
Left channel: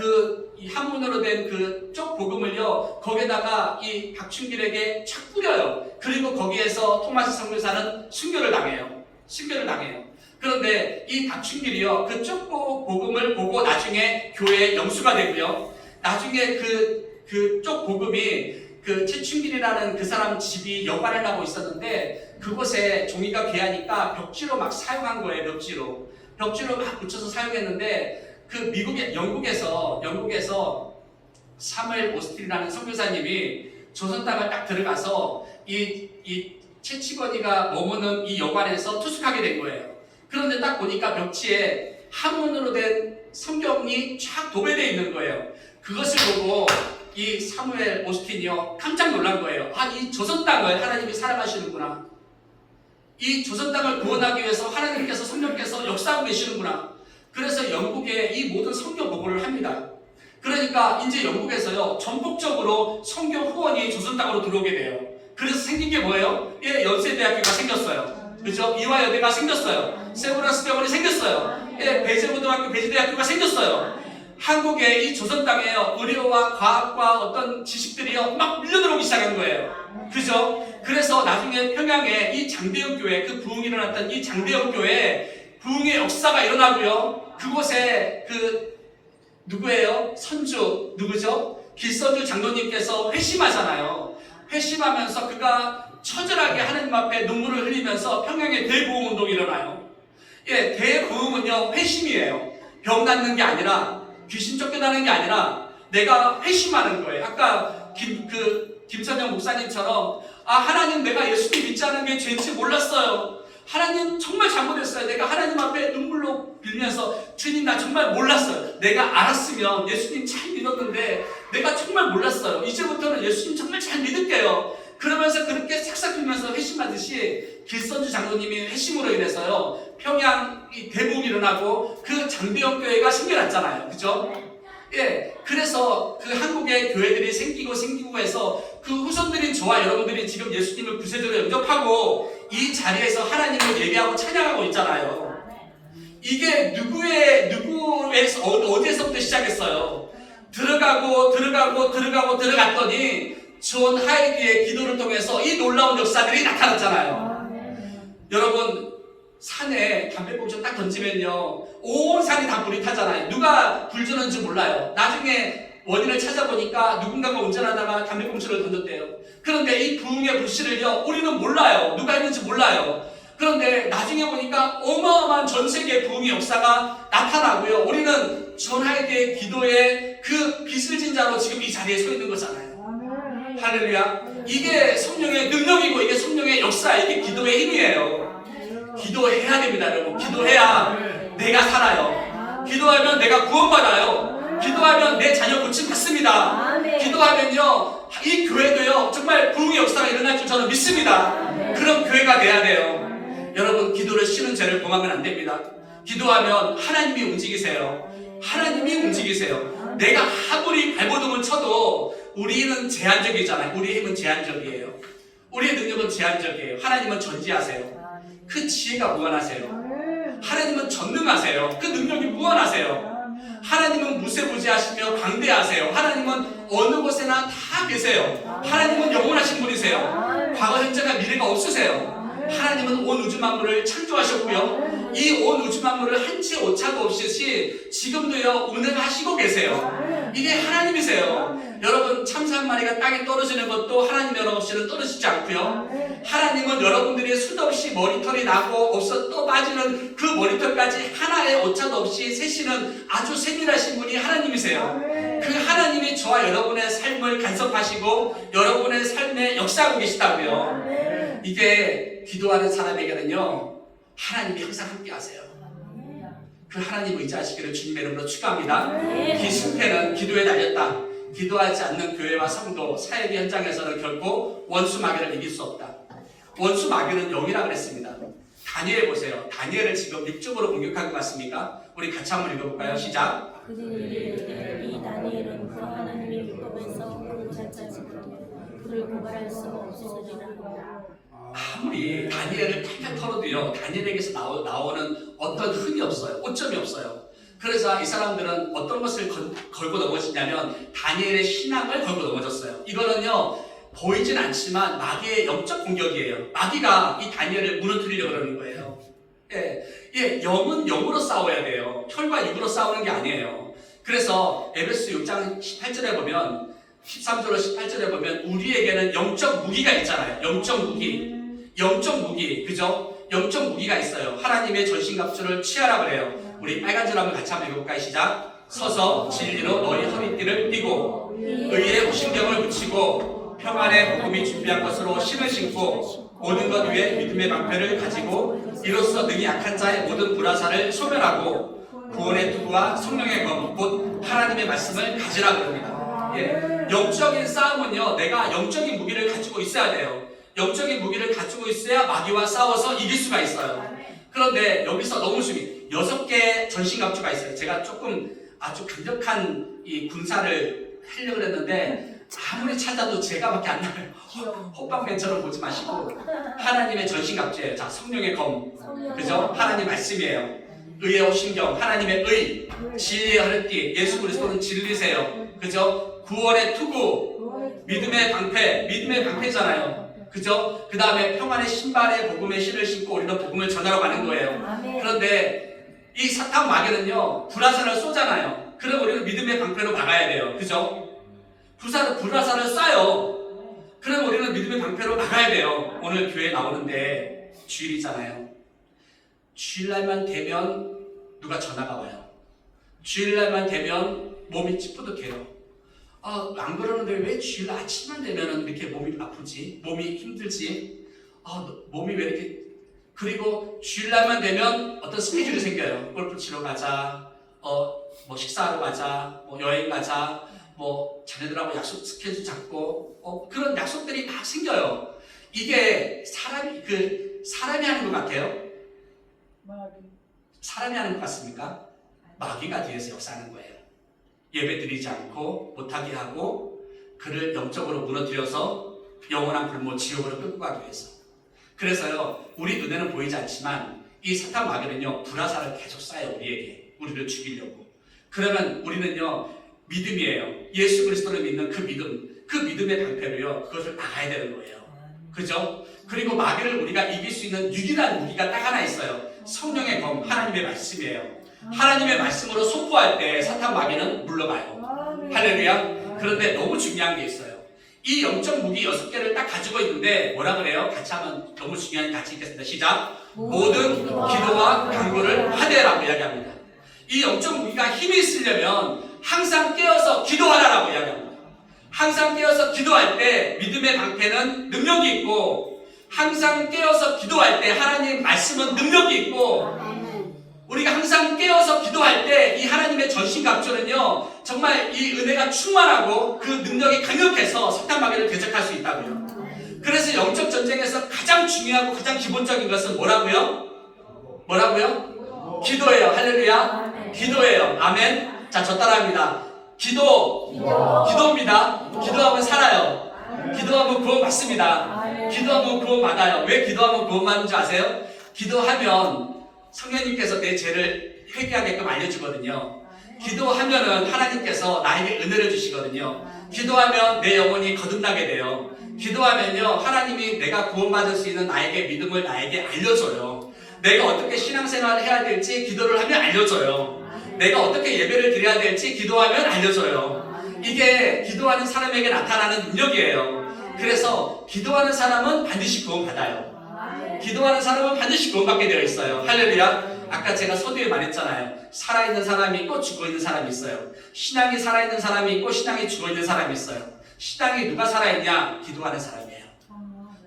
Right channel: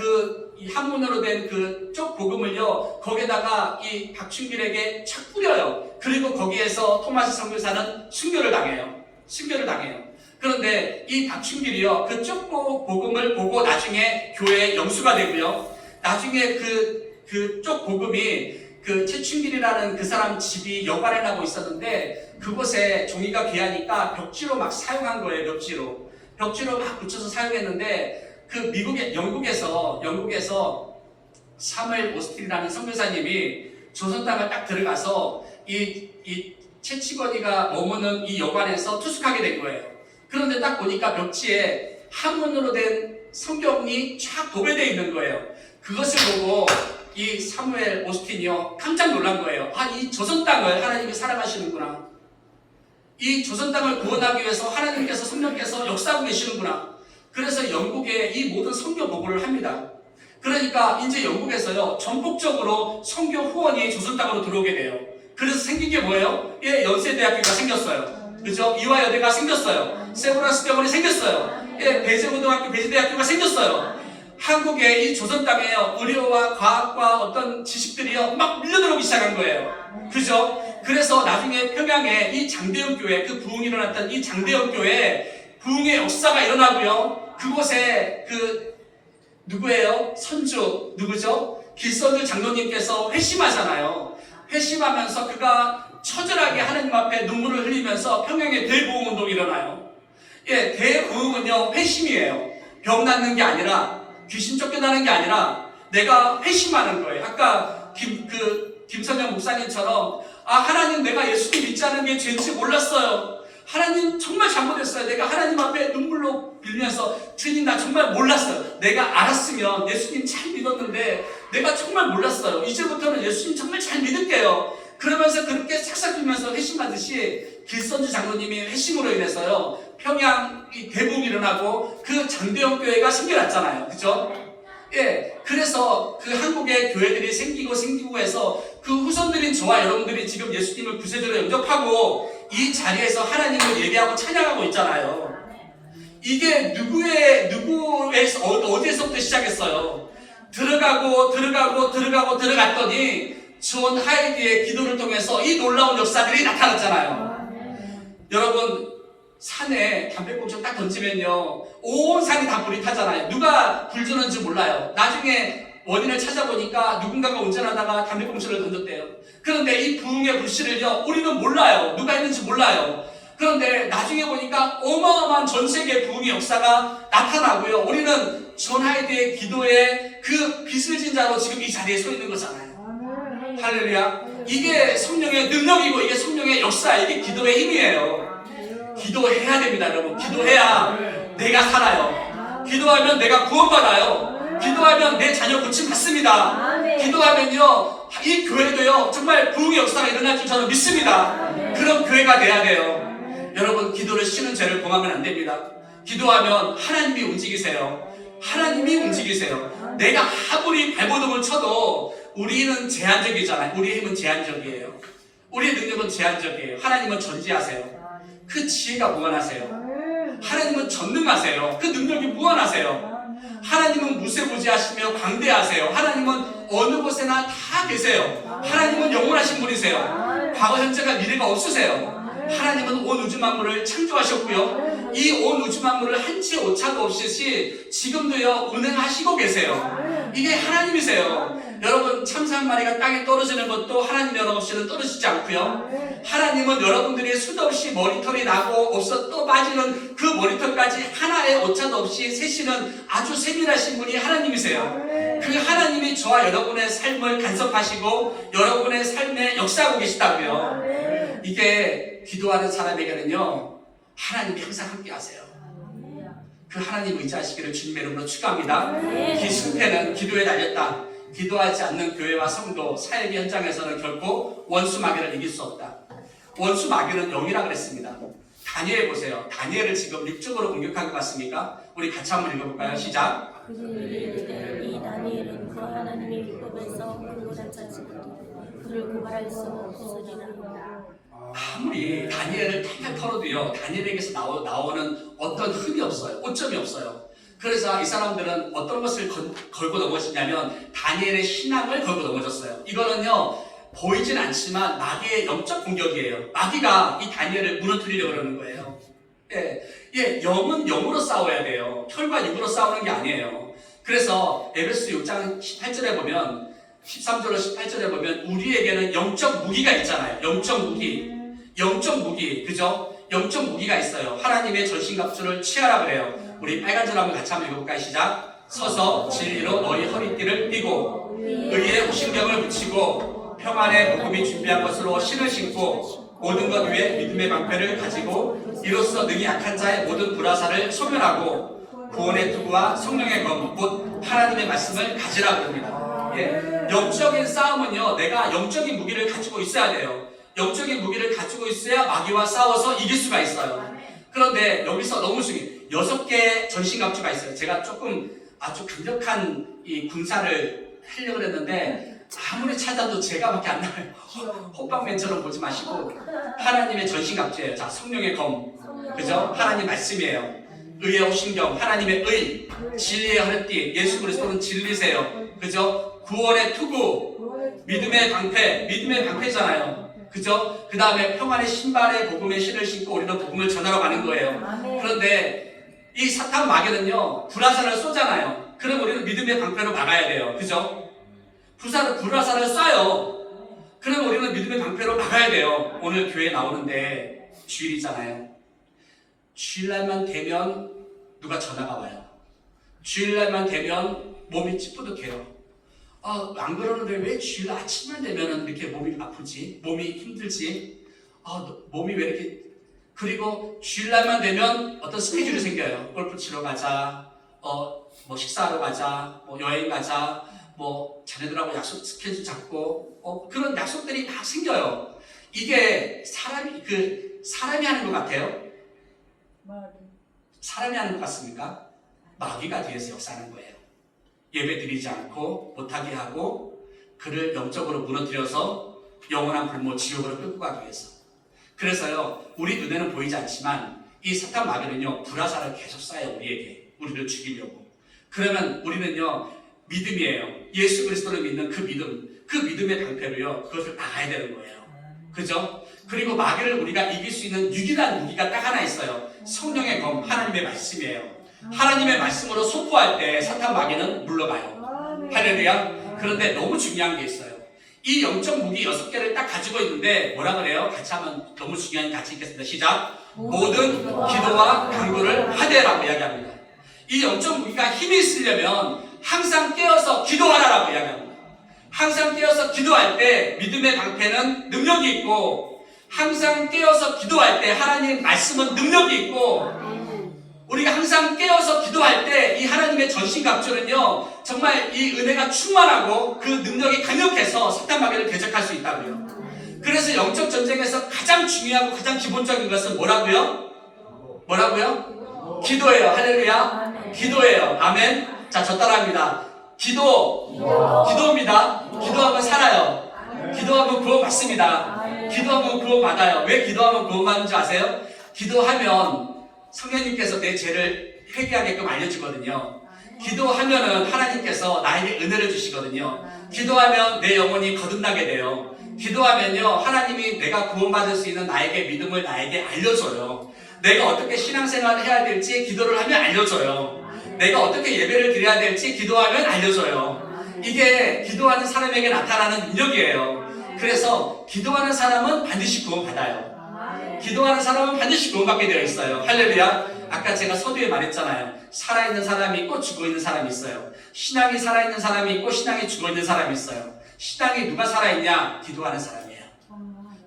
이 한문으로 된 그 쪽 복음을요 거기에다가 이 박춘길에게 착 뿌려요. 그리고 거기에서 토마스 선교사는 순교를 당해요. 그런데 이 박춘길이요 그 쪽 복음을 보고 나중에 교회의 영수가 되고요, 나중에 그 쪽 복음이 그 최춘길이라는 그 사람 집이 여관에 나고 있었는데 그곳에 종이가 귀하니까 벽지로 막 사용한 거예요. 벽지로 막 붙여서 사용했는데 그 영국에서 사무엘 오스틴이라는 선교사님이 조선 땅을 딱 들어가서 이 채치거니가 머무는 이 여관에서 투숙하게 된 거예요. 그런데 딱 보니까 벽지에 한문으로 된 성경이 쫙 도배되어 있는 거예요. 그것을 보고 이 사무엘 오스틴이요 깜짝 놀란 거예요. 이 조선 땅을 하나님이 사랑하시는구나. 이 조선 땅을 구원하기 위해서 하나님께서, 성령께서 역사하고 계시는구나. 그래서 영국에 이 모든 성경 보고를 합니다. 그러니까 이제 영국에서요 전폭적으로 성경 후원이 조선 땅으로 들어오게 돼요. 그래서 생긴 게 뭐예요? 예, 연세대학교가 생겼어요. 그죠? 이화여대가 생겼어요. 세브란스 병원이 생겼어요. 예, 배재고등학교, 배재대학교가 생겼어요. 한국의 이 조선 땅에요 의료와 과학과 어떤 지식들이요 막 밀려들어오기 시작한 거예요. 그죠? 그래서 나중에 평양에 이 장대영 교회, 그 부흥이 일어났던 이 장대영 교회 부흥의 역사가 일어나고요. 그곳에 누구예요? 선주 누구죠? 길선주 장로님께서 회심하잖아요. 회심하면서 그가 처절하게 하나님 앞에 눈물을 흘리면서 평양에 대부흥 운동이 일어나요. 예, 대부흥은요 회심이에요. 병 낫는 게 아니라 귀신 쫓겨나는 게 아니라 내가 회심하는 거예요. 아까 김선영 목사님처럼 하나님 내가 예수님 믿지 않은 게 죄인지 몰랐어요. 하나님 정말 잘못했어요. 내가 하나님 앞에 눈물로 빌면서 주님 나 정말 몰랐어요. 내가 알았으면 예수님 잘 믿었는데 내가 정말 몰랐어요. 이제부터는 예수님 정말 잘 믿을게요. 그러면서 그렇게 싹싹 빌면서 회심하듯이 길선주 장로님이 회심으로 인해서요 평양 대부흥이 일어나고 그 장대영 교회가 생겨났잖아요. 그죠? 예, 그래서 그 한국의 교회들이 생기고 해서 그 후손들인 저와 여러분들이 지금 예수님을 구세주로 영접하고 이 자리에서 하나님을 예배하고 찬양하고 있잖아요. 이게 어디에서부터 시작했어요? 들어갔더니 존 하이디의 기도를 통해서 이 놀라운 역사들이 나타났잖아요. 여러분 산에 담배꽁초 딱 던지면요 온 산이 다 불이 타잖아요. 누가 불 주는지 몰라요. 나중에 원인을 찾아보니까 누군가가 운전하다가 담배꽁초를 던졌대요. 그런데 이 부흥의 불씨를요 우리는 몰라요. 누가 했는지 몰라요. 그런데 나중에 보니까 어마어마한 전 세계 부흥의 역사가 나타나고요. 우리는 존 하이디의 기도에 그 빚을 진 자로 지금 이 자리에 서 있는 거잖아요. 할렐루야. 이게 성령의 능력이고 이게 성령의 역사, 이게 기도의 힘이에요. 기도해야 됩니다, 여러분. 기도해야 내가 살아요. 기도하면 내가 구원받아요. 기도하면 내 자녀 고침받습니다. 기도하면요 이 교회도요 정말 부흥의 역사가 일어날 줄 저는 믿습니다. 그런 교회가 돼야 돼요. 여러분 기도를 쉬는 죄를 범하면 안 됩니다. 기도하면 하나님이 움직이세요. 하나님이 움직이세요. 내가 아무리 발버둥을 쳐도 우리는 제한적이잖아요. 우리의 힘은 제한적이에요. 우리의 능력은 제한적이에요. 하나님은 전지하세요. 그 지혜가 무한하세요. 하나님은 전능하세요. 그 능력이 무한하세요. 하나님은 무세무지하시며 광대하세요. 하나님은 어느 곳에나 다 계세요. 하나님은 영원하신 분이세요. 과거, 현재가 미래가 없으세요. 하나님은 온 우주 만물을 창조하셨고요. 이 온 우주 만물을 한 채 오차도 없이 지금도요 운행하시고 계세요. 이게 하나님이세요. 여러분 참새 한 마리가 땅에 떨어지는 것도 하나님 연락 없이는 떨어지지 않고요. 하나님은 여러분들이 수도 없이 머리털이 나고 없어 또 빠지는 그 머리털까지 하나의 오차도 없이 세시는 아주 세밀하신 분이 하나님이세요. 그 하나님이 저와 여러분의 삶을 간섭하시고 여러분의 삶에 역사하고 계시다고요. 이게 기도하는 사람에게는요 하나님이 항상 함께 하세요. 그 하나님 의지하시기를 주님의 이름으로 축원합니다. 이 승패는 기도에 달렸다. 기도하지 않는 교회와 성도, 사역의 현장에서는 결코 원수 마귀를 이길 수 없다. 원수 마귀는 영이라 그랬습니다. 다니엘 보세요. 다니엘을 지금 육적으로 공격한 것 같습니까? 우리 같이 한번 읽어볼까요? 시작. 이 다니엘은 그 하나님의 율법에서 근거를 찾지고도 그를 고발할 수 없으리라. 아무리 다니엘을 탈탈 털어도요 다니엘에게서 나오는 어떤 흠이 없어요. 오점이 없어요. 그래서 이 사람들은 어떤 것을 걸고 넘어지냐면 다니엘의 신앙을 걸고 넘어졌어요. 이거는요 보이진 않지만 마귀의 영적 공격이에요. 마귀가 이 다니엘을 무너뜨리려고 그러는 거예요. 영은 영으로 싸워야 돼요. 혈과 육으로 싸우는 게 아니에요. 그래서 에베소 6장 18절에 보면 13절로 18절에 보면 우리에게는 영적 무기가 있잖아요. 영적 무기, 그죠? 영적 무기가 있어요. 하나님의 전신갑주를 취하라 그래요. 우리 빨간 줄 한번 같이 한번 읽어볼까요? 시작. 서서 진리로 너희 허리띠를 띠고 의의 신경을 붙이고 평안의 복음이 준비한 것으로 신을 신고 모든 것 위에 믿음의 방패를 가지고 이로써 능히 약한 자의 모든 불화살을 소멸하고 구원의 투구와 성령의 검, 곧 하나님의 말씀을 가지라 그럽니다. 영적인 싸움은요 내가 영적인 무기를 가지고 있어야 돼요. 영적인 무기를 가지고 있어야 마귀와 싸워서 이길 수가 있어요. 그런데 여기서 너무 중요해요. 6개의 전신갑주가 있어요. 제가 조금 아주 강력한 이 군사를 하려고 했는데 아무리 찾아도 제가밖에 안 나와요. 호빵맨처럼 보지 마시고 하나님의 전신갑주예요. 자, 성령의 검, 그죠? 하나님 말씀이에요. 의의 오신경, 하나님의 의, 진리의 허리띠, 예수 그리스도는 진리세요. 그죠? 구원의 투구, 믿음의 방패잖아요. 그죠? 그 다음에 평안의 신발에 복음의 실을 신고 우리는 복음을 전하러 가는 거예요. 그런데 이 사탄 마귀는요, 불화살을 쏘잖아요. 그럼 우리는 믿음의 방패로 막아야 돼요. 그죠? 불화살을 쏴요. 그럼 우리는 믿음의 방패로 막아야 돼요. 오늘 교회 나오는데 주일이잖아요. 주일날만 되면 누가 전화가 와요. 주일날만 되면 몸이 찌뿌듯해요. 안 그러는데 왜 주일 아침만 되면 이렇게 몸이 아프지? 몸이 힘들지? 몸이 왜 이렇게. 그리고 주일날만 되면 어떤 스케줄이 생겨요. 골프 치러 가자, 뭐 식사하러 가자, 뭐 여행 가자, 뭐 자녀들하고 약속 스케줄 잡고, 그런 약속들이 막 생겨요. 이게 사람이 하는 것 같아요? 사람이 하는 것 같습니까? 마귀가 뒤에서 역사하는 거예요. 예배 드리지 않고 못하게 하고 그를 영적으로 무너뜨려서 영원한 불모 지옥으로 끌고 가기 위해서. 그래서요, 우리 눈에는 보이지 않지만 이 사탄 마귀는요, 불화살을 계속 쏴요. 우리를 죽이려고. 그러면 우리는요, 믿음이에요. 예수 그리스도를 믿는 그 믿음의 방패로요, 그것을 막아야 되는 거예요. 그죠? 그리고 마귀를 우리가 이길 수 있는 유일한 무기가 딱 하나 있어요. 성령의 검, 하나님의 말씀이에요. 하나님의 말씀으로 선포할 때 사탄 마귀는 물러가요. 할렐루야. 그런데 너무 중요한 게 있어요. 이 영적 무기 6개를 딱 가지고 있는데 뭐라 그래요? 같이 하면 너무 중요하니 같이 읽겠습니다. 시작. 모든 기도와 간구를 하되라고 이야기합니다. 이 영적 무기가 힘이 있으려면 항상 깨어서 기도하라라고 이야기합니다. 항상 깨어서 기도할 때 믿음의 방패는 능력이 있고, 항상 깨어서 기도할 때 하나님 말씀은 능력이 있고, 우리가 항상 깨어서 기도할 때 이 하나님의 전신갑주는요, 정말 이 은혜가 충만하고 그 능력이 강력해서 사탄 마귀를 대적할 수 있다고요. 그래서 영적 전쟁에서 가장 중요하고 가장 기본적인 것은 뭐라고요? 기도예요. 할렐루야. 기도예요. 아멘. 자, 저 따라합니다. 기도입니다. 기도하면 살아요. 기도하면 구원받습니다. 기도하면 구원받아요. 왜 기도하면 구원받는지 아세요? 기도하면 성령님께서 내 죄를 회개하게끔 알려주거든요. 기도하면은 하나님께서 나에게 은혜를 주시거든요. 기도하면 내 영혼이 거듭나게 돼요. 기도하면요, 하나님이 내가 구원받을 수 있는 나에게 믿음을 나에게 알려줘요. 내가 어떻게 신앙생활을 해야 될지 기도를 하면 알려줘요. 내가 어떻게 예배를 드려야 될지 기도하면 알려줘요. 이게 기도하는 사람에게 나타나는 능력이에요. 그래서 기도하는 사람은 반드시 구원받아요. 기도하는 사람은 반드시 구원받게 되어 있어요. 할렐루야. 아까 제가 서두에 말했잖아요. 살아있는 사람이 있고 죽어있는 사람이 있어요. 신앙이 살아있는 사람이 있고 신앙이 죽어있는 사람이 있어요. 신앙이 누가 살아있냐? 기도하는 사람이에요.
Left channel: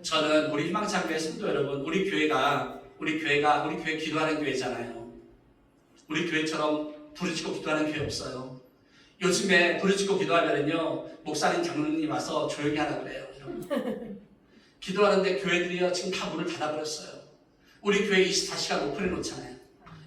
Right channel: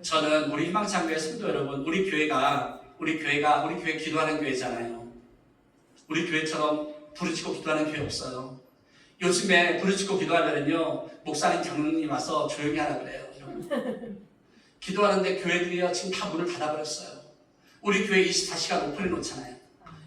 저는 우리 희망찬교회 성도 여러분, 우리 교회 기도하는 교회잖아요. 우리 교회처럼 부르짖고 기도하는 교회 없어요. 요즘에 부르짖고 기도하면은요, 목사님 장로님 와서 조용히 하라 그래요. 기도하는데 교회들이요, 지금 다 문을 닫아버렸어요. 우리 교회 24시간 오픈해 놓잖아요.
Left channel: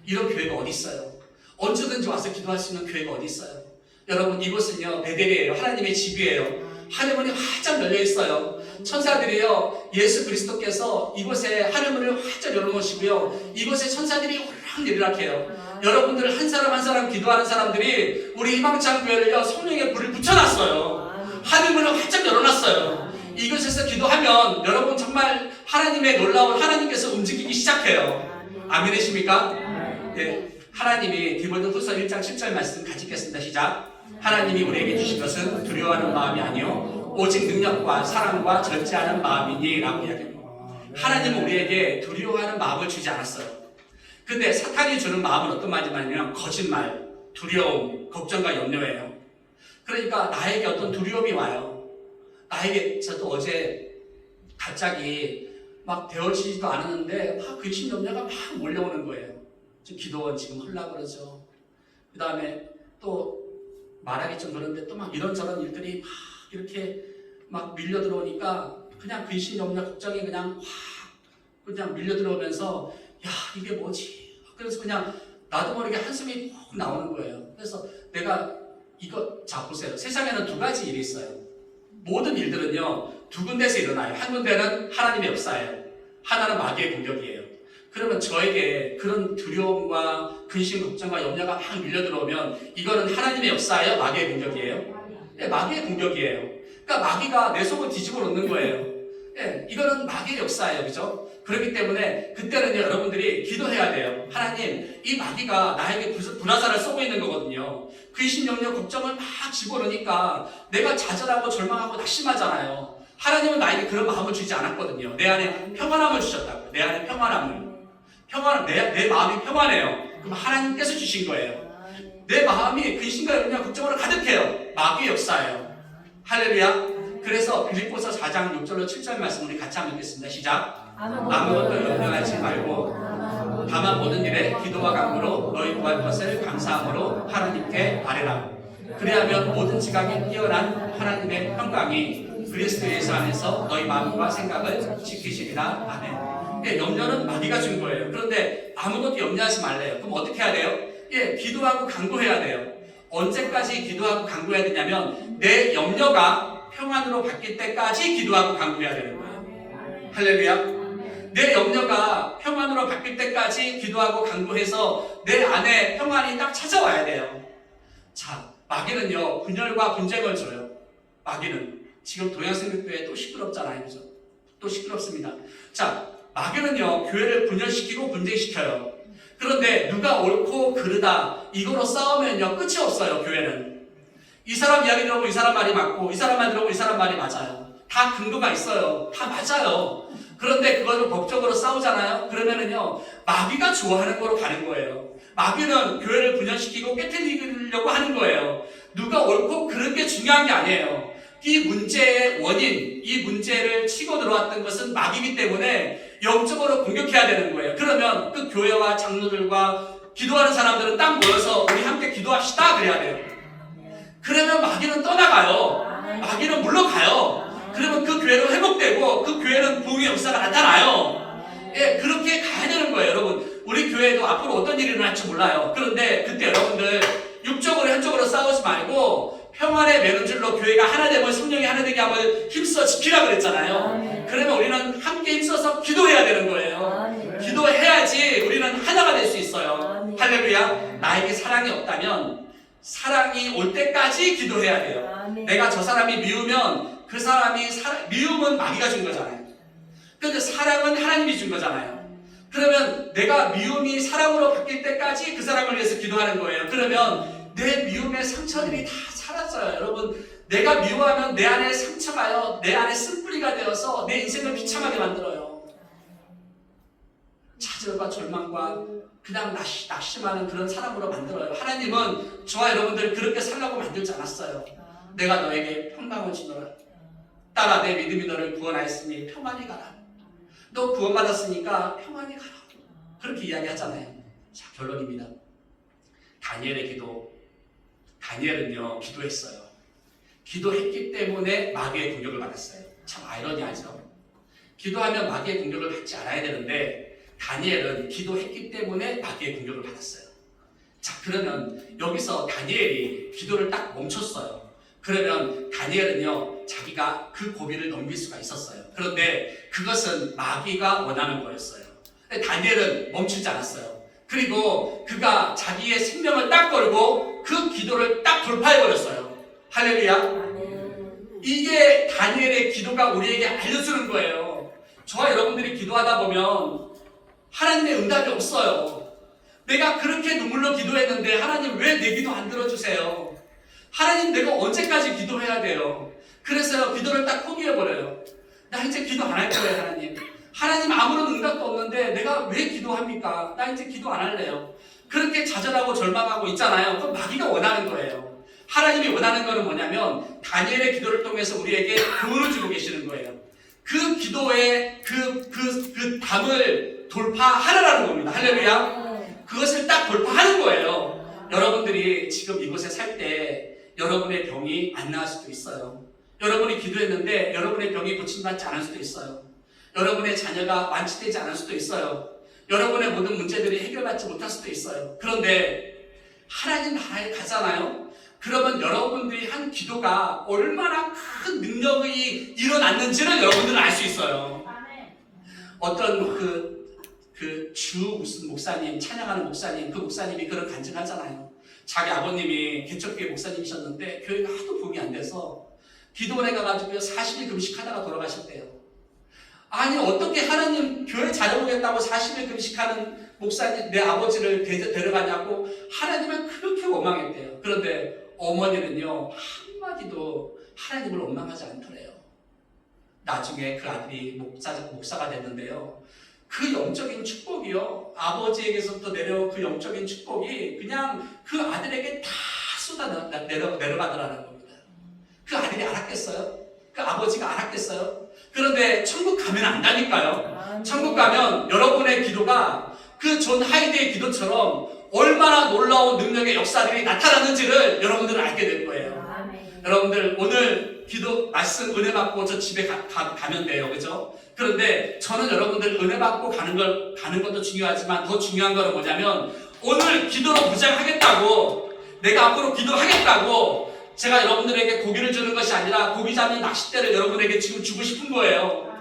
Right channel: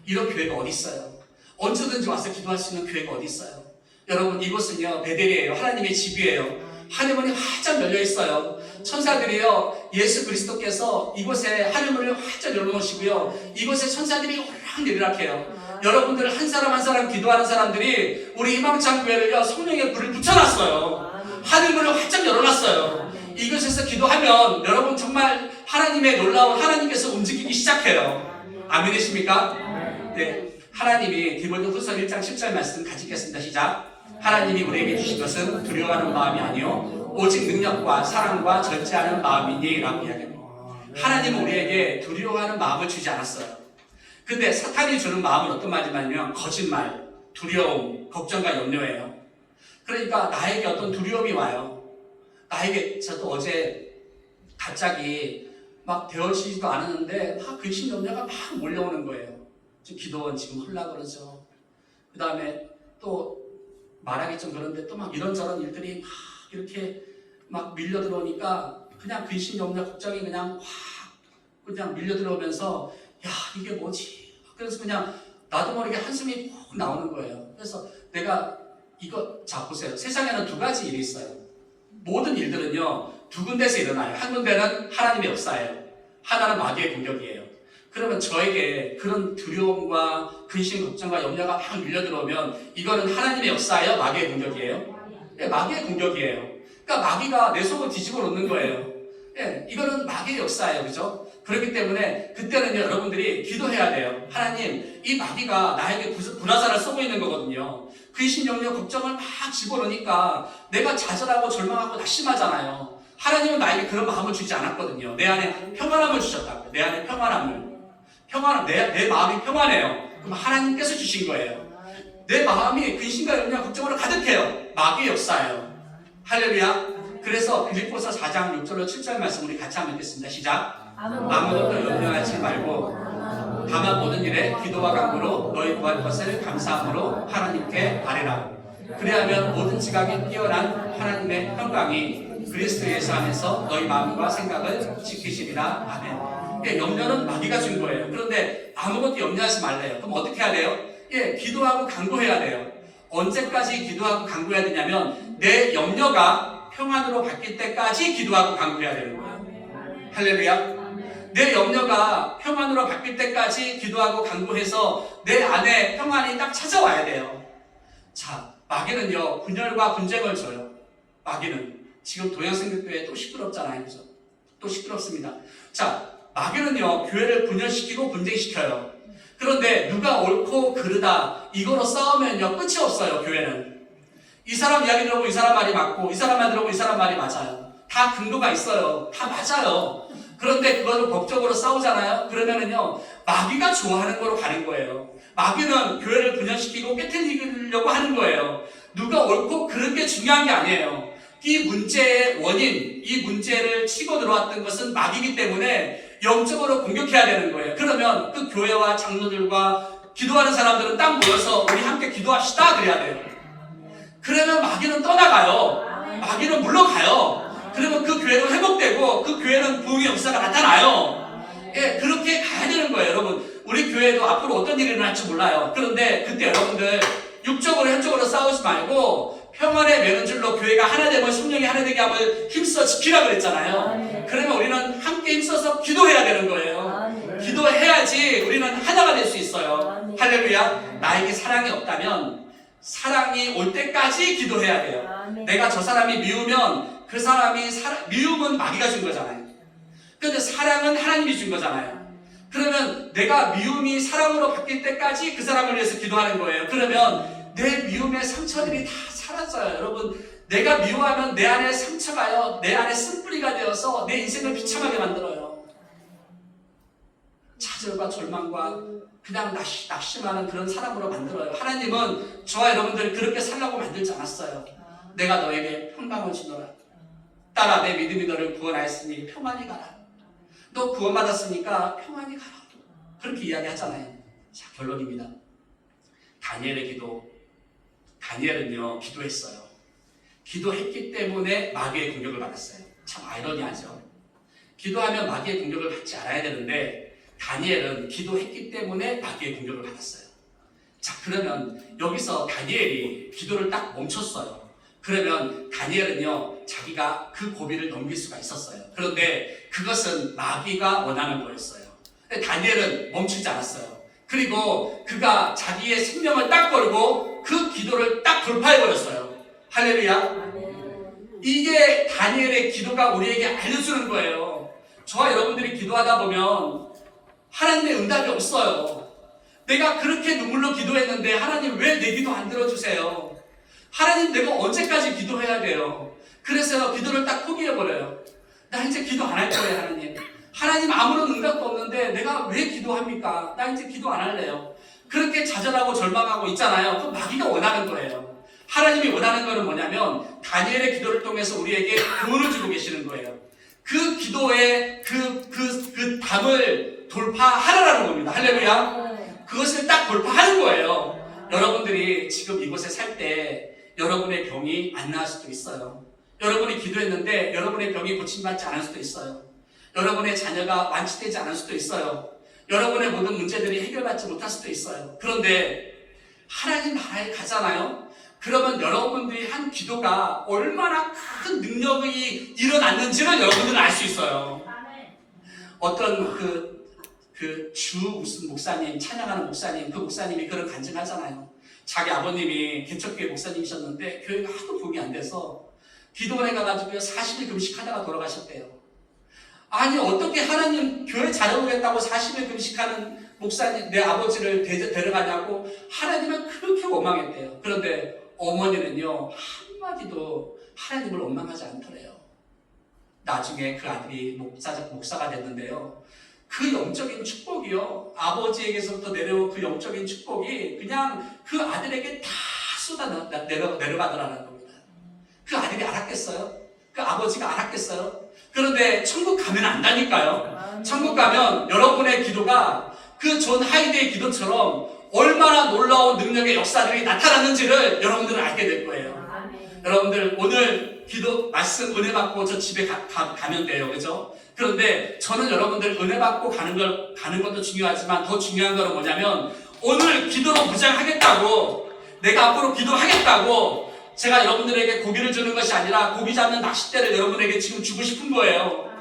이런 교회가 어디 있어요? 언제든지 와서 기도할 수 있는 교회가 어디 있어요? 여러분, 이곳은요, 베델이에요. 하나님의 집이에요. 하늘문이 활짝 열려 있어요. 천사들이요, 예수 그리스도께서 이곳에 하늘문을 활짝 열어놓으시고요, 이곳에 천사들이 오락내리락해요. 여러분들 한 사람 한 사람 기도하는 사람들이 우리 희망찬 교회를요, 성령의 불을 붙여놨어요. 하늘문을 활짝 열어놨어요. 이곳에서 기도하면 여러분 정말 하나님의 놀라운 하나님께서 움직이기 시작해요. 아멘이십니까? 네, 하나님이 디모데후서 1장 10절 말씀 같이 읽겠습니다. 시작. 하나님이 우리에게 주신 것은 두려워하는 마음이 아니요 오직 능력과 사랑과 절제하는 마음이니 라고 이야기합니다. 하나님은 우리에게 두려워하는 마음을 주지 않았어요. 근데 사탄이 주는 마음은 어떤 말이냐면 거짓말, 두려움, 걱정과 염려예요. 그러니까 나에게 어떤 두려움이 와요. 저도 어제 갑자기 막 되어지지도 않았는데 막 근심 염려가 막 몰려오는 거예요. 기도원 지금 하려고 그러죠. 그 다음에 또 말하기 좀 그런데 또 막 이런저런 일들이 막 이렇게 막 밀려 들어오니까 그냥 근심 염려 걱정이 그냥 확 그냥 밀려 들어오면서 야, 이게 뭐지? 그래서 그냥 나도 모르게 한숨이 푹 나오는 거예요. 그래서 내가 자 보세요. 세상에는 두 가지 일이 있어요. 모든 일들은요 두 군데서 일어나요. 한 군데는 하나님의 역사예요. 하나는 마귀의 공격이에요. 그러면 저에게 그런 두려움과 근심, 걱정과 염려가 막 밀려들어오면 이거는 하나님의 역사예요? 마귀의 공격이에요? 네, 마귀의 공격이에요. 그러니까 마귀가 내 속을 뒤집어 놓는 거예요. 네, 이거는 마귀의 역사예요. 그죠? 그렇기 때문에 그때는 여러분들이 기도해야 돼요. 하나님, 이 마귀가 나에게 불화살을 쏘고 있는 거거든요. 근심, 염려, 걱정을 막 집어넣으니까 내가 좌절하고 절망하고 낙심하잖아요. 하나님은 나에게 그런 마음을 주지 않았거든요. 내 안에 평안함을 주셨다고요. 내 안에 평안함을. 내 마음이 평안해요. 그럼 하나님께서 주신 거예요. 내 마음이 근심과 염려, 걱정으로 가득해요. 마귀의 역사예요. 할렐루야. 그래서 빌립보서 4장 6절로 7절 말씀 우리 같이 한번 읽겠습니다. 시작. 아무것도 염려하지 말고 다만 모든 일에 기도와 간구로 너희 구할 것을 감사함으로 하나님께 아뢰라고. 그리하면 모든 지각에 뛰어난 하나님의 평강이 그리스도 예수 안에서 너희 마음과 생각을 지키시리라. 아멘. 염려는 마귀가 준 거예요. 그런데 아무것도 염려하지 말래요. 그럼 어떻게 해야 돼요? 기도하고 간구해야 돼요. 언제까지 기도하고 간구해야 되냐면 내 염려가 평안으로 바뀔 때까지 기도하고 간구해야 되는 거예요. 할렐루야. 내 염려가 평안으로 바뀔 때까지 기도하고 간구해서 내 안에 평안이 딱 찾아와야 돼요. 자, 마귀는요 분열과 분쟁을 줘요. 마귀는 지금 동양생명교회 또 시끄럽잖아요. 그죠? 또 시끄럽습니다. 자, 마귀는요 교회를 분열시키고 분쟁시켜요. 그런데 누가 옳고 그르다 이거로 싸우면요 끝이 없어요. 교회는 이 사람 이야기 들어보고 이 사람 말이 맞고 이 사람 말 들어보고 이 사람 말이 맞아요. 다 근거가 있어요. 다 맞아요. 그런데 그거를 법적으로 싸우잖아요. 그러면은요 마귀가 좋아하는 거로 가는 거예요. 마귀는 교회를 분열시키고 깨트리려고 하는 거예요. 누가 옳고 그른 게 중요한 게 아니에요. 이 문제의 원인, 이 문제를 치고 들어왔던 것은 마귀이기 때문에 영적으로 공격해야 되는 거예요. 그러면 그 교회와 장로들과 기도하는 사람들은 딱 모여서 우리 함께 기도합시다 그래야 돼요. 그러면 마귀는 떠나가요. 마귀는 물러가요. 그러면 그 교회로 회복되고 그 교회는 부흥의 역사가 나타나요. 그렇게 가야 되는 거예요. 여러분 우리 교회도 앞으로 어떤 일이 일어날지 몰라요. 그런데 그때 여러분들 육적으로 현적으로 싸우지 말고 평안의 매는줄로 교회가 하나됨을 성령이 하나되게 함을 힘써 지키라 그랬잖아요. 그러면 우리는 함께 힘써서 기도해야 되는 거예요. 기도해야지 우리는 하나가 될 수 있어요. 할렐루야. 나에게 사랑이 없다면 사랑이 올 때까지 기도해야 돼요. 내가 저 사람이 미우면 그 사람이 미움은 마귀가 준 거잖아요. 그런데 사랑은 하나님이 준 거잖아요. 그러면 내가 미움이 사랑으로 바뀔 때까지 그 사람을 위해서 기도하는 거예요. 그러면 내 미움의 상처들이 다 사라져요. 여러분 내가 미워하면 내 안에 상처가요 내 안에 쓴뿌리가 되어서 내 인생을 비참하게 만들어요. 좌절과 절망과 그냥 낙심하는 그런 사람으로 만들어요. 하나님은 저와 여러분들을 그렇게 살라고 만들지 않았어요. 내가 너에게 평강을 주노라. 딸아 내 믿음이 너를 구원하였으니 평안히 가라. 너 구원받았으니까 평안히 가라. 그렇게 이야기하잖아요. 자, 결론입니다. 다니엘의 기도. 다니엘은요 기도했어요. 기도했기 때문에 마귀의 공격을 받았어요. 참 아이러니하죠. 기도하면 마귀의 공격을 받지 않아야 되는데 다니엘은 기도했기 때문에 마귀의 공격을 받았어요. 자, 그러면 여기서 다니엘이 기도를 딱 멈췄어요. 그러면 다니엘은요 자기가 그 고비를 넘길 수가 있었어요. 그런데 그것은 마귀가 원하는 거였어요. 다니엘은 멈추지 않았어요. 그리고 그가 자기의 생명을 딱 걸고 그 기도를 딱 돌파해버렸어요. 할렐루야. 이게 다니엘의 기도가 우리에게 알려주는 거예요. 저와 여러분들이 기도하다 보면 하나님의 응답이 없어요. 내가 그렇게 눈물로 기도했는데 하나님 왜 내 기도 안 들어주세요? 하나님 내가 언제까지 기도해야 돼요? 그래서 기도를 딱 포기해버려요. 나 이제 기도 안 할 거예요. 하나님 아무런 응답도 없는데 내가 왜 기도합니까? 나 이제 기도 안 할래요. 그렇게 좌절하고 절망하고 있잖아요. 그건 마귀가 원하는 거예요. 하나님이 원하는 거는 뭐냐면 다니엘의 기도를 통해서 우리에게 교훈을 주고 계시는 거예요. 그 기도의 그 담을 돌파하라는 겁니다. 할렐루야. 그것을 딱 돌파하는 거예요. 여러분들이 지금 이곳에 살 때 여러분의 병이 안 나을 수도 있어요. 여러분이 기도했는데 여러분의 병이 고침받지 않을 수도 있어요. 여러분의 자녀가 완치되지 않을 수도 있어요. 여러분의 모든 문제들이 해결받지 못할 수도 있어요. 그런데 하나님 나라에 가잖아요. 그러면 여러분들이 한 기도가 얼마나 큰 능력이 일어났는지를 여러분들은 알 수 있어요. 어떤 주 무슨 목사님, 찬양하는 목사님, 그 목사님이 그런 간증하잖아요. 자기 아버님이 개척교회 목사님이셨는데 교회가 하도 부흥이 안 돼서 기도원에 가가지고 40일 금식하다가 돌아가셨대요. 아니 어떻게 하나님 교회 잘해보겠다고 40일 금식하는 목사님 내 아버지를 데려가냐고 하나님은 그렇게 원망했대요. 그런데 어머니는요 한마디도 하나님을 원망하지 않더래요. 나중에 그 아들이 목사가 됐는데요. 그 영적인 축복이요. 아버지에게서부터 내려온 그 영적인 축복이 그냥 그 아들에게 다 내려가더라는 겁니다. 그 아들이 알았겠어요? 그 아버지가 알았겠어요? 그런데 천국 가면 안다니까요. 천국 가면 여러분의 기도가 그 존 하이드의 기도처럼 얼마나 놀라운 능력의 역사들이 나타났는지를 여러분들은 알게 될 거예요. 여러분들 오늘 기도 말씀 은혜 받고 저 집에 가면 돼요. 그죠? 그런데 저는 여러분들 은혜 받고 가는 것도 중요하지만 더 중요한 거는 뭐냐면 오늘 기도로 무장하겠다고 내가 앞으로 기도하겠다고 제가 여러분들에게 고기를 주는 것이 아니라 고기 잡는 낚싯대를 여러분에게 지금 주고 싶은 거예요.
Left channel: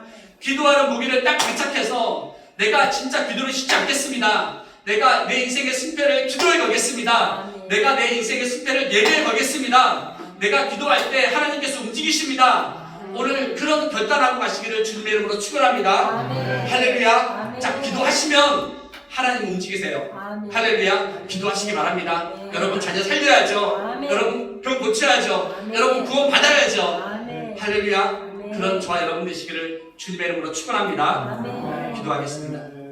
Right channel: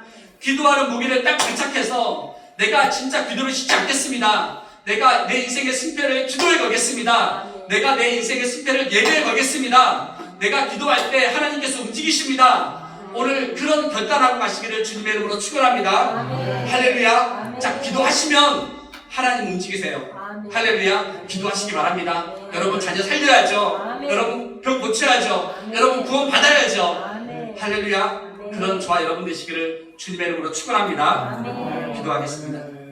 기도하는 무기를 딱 장착해서 내가 진짜 기도를 쉬지 않겠습니다. 내가 내 인생의 승패를 기도에 걸겠습니다. 내가 내 인생의 승패를 예배에 걸겠습니다. 내가 기도할 때 하나님께서 움직이십니다. 오늘 그런 결단하고 가시기를 주님의 이름으로 축원합니다. 할렐루야. 자, 기도하시면 하나님 움직이세요. 할렐루야. 기도하시기 바랍니다. 여러분 자녀 살려야죠. 여러분 병 고쳐야죠. 여러분 구원 받아야죠. 할렐루야. 그런 저와 여러분 되시기를 주님의 이름으로 축원합니다. 기도하겠습니다.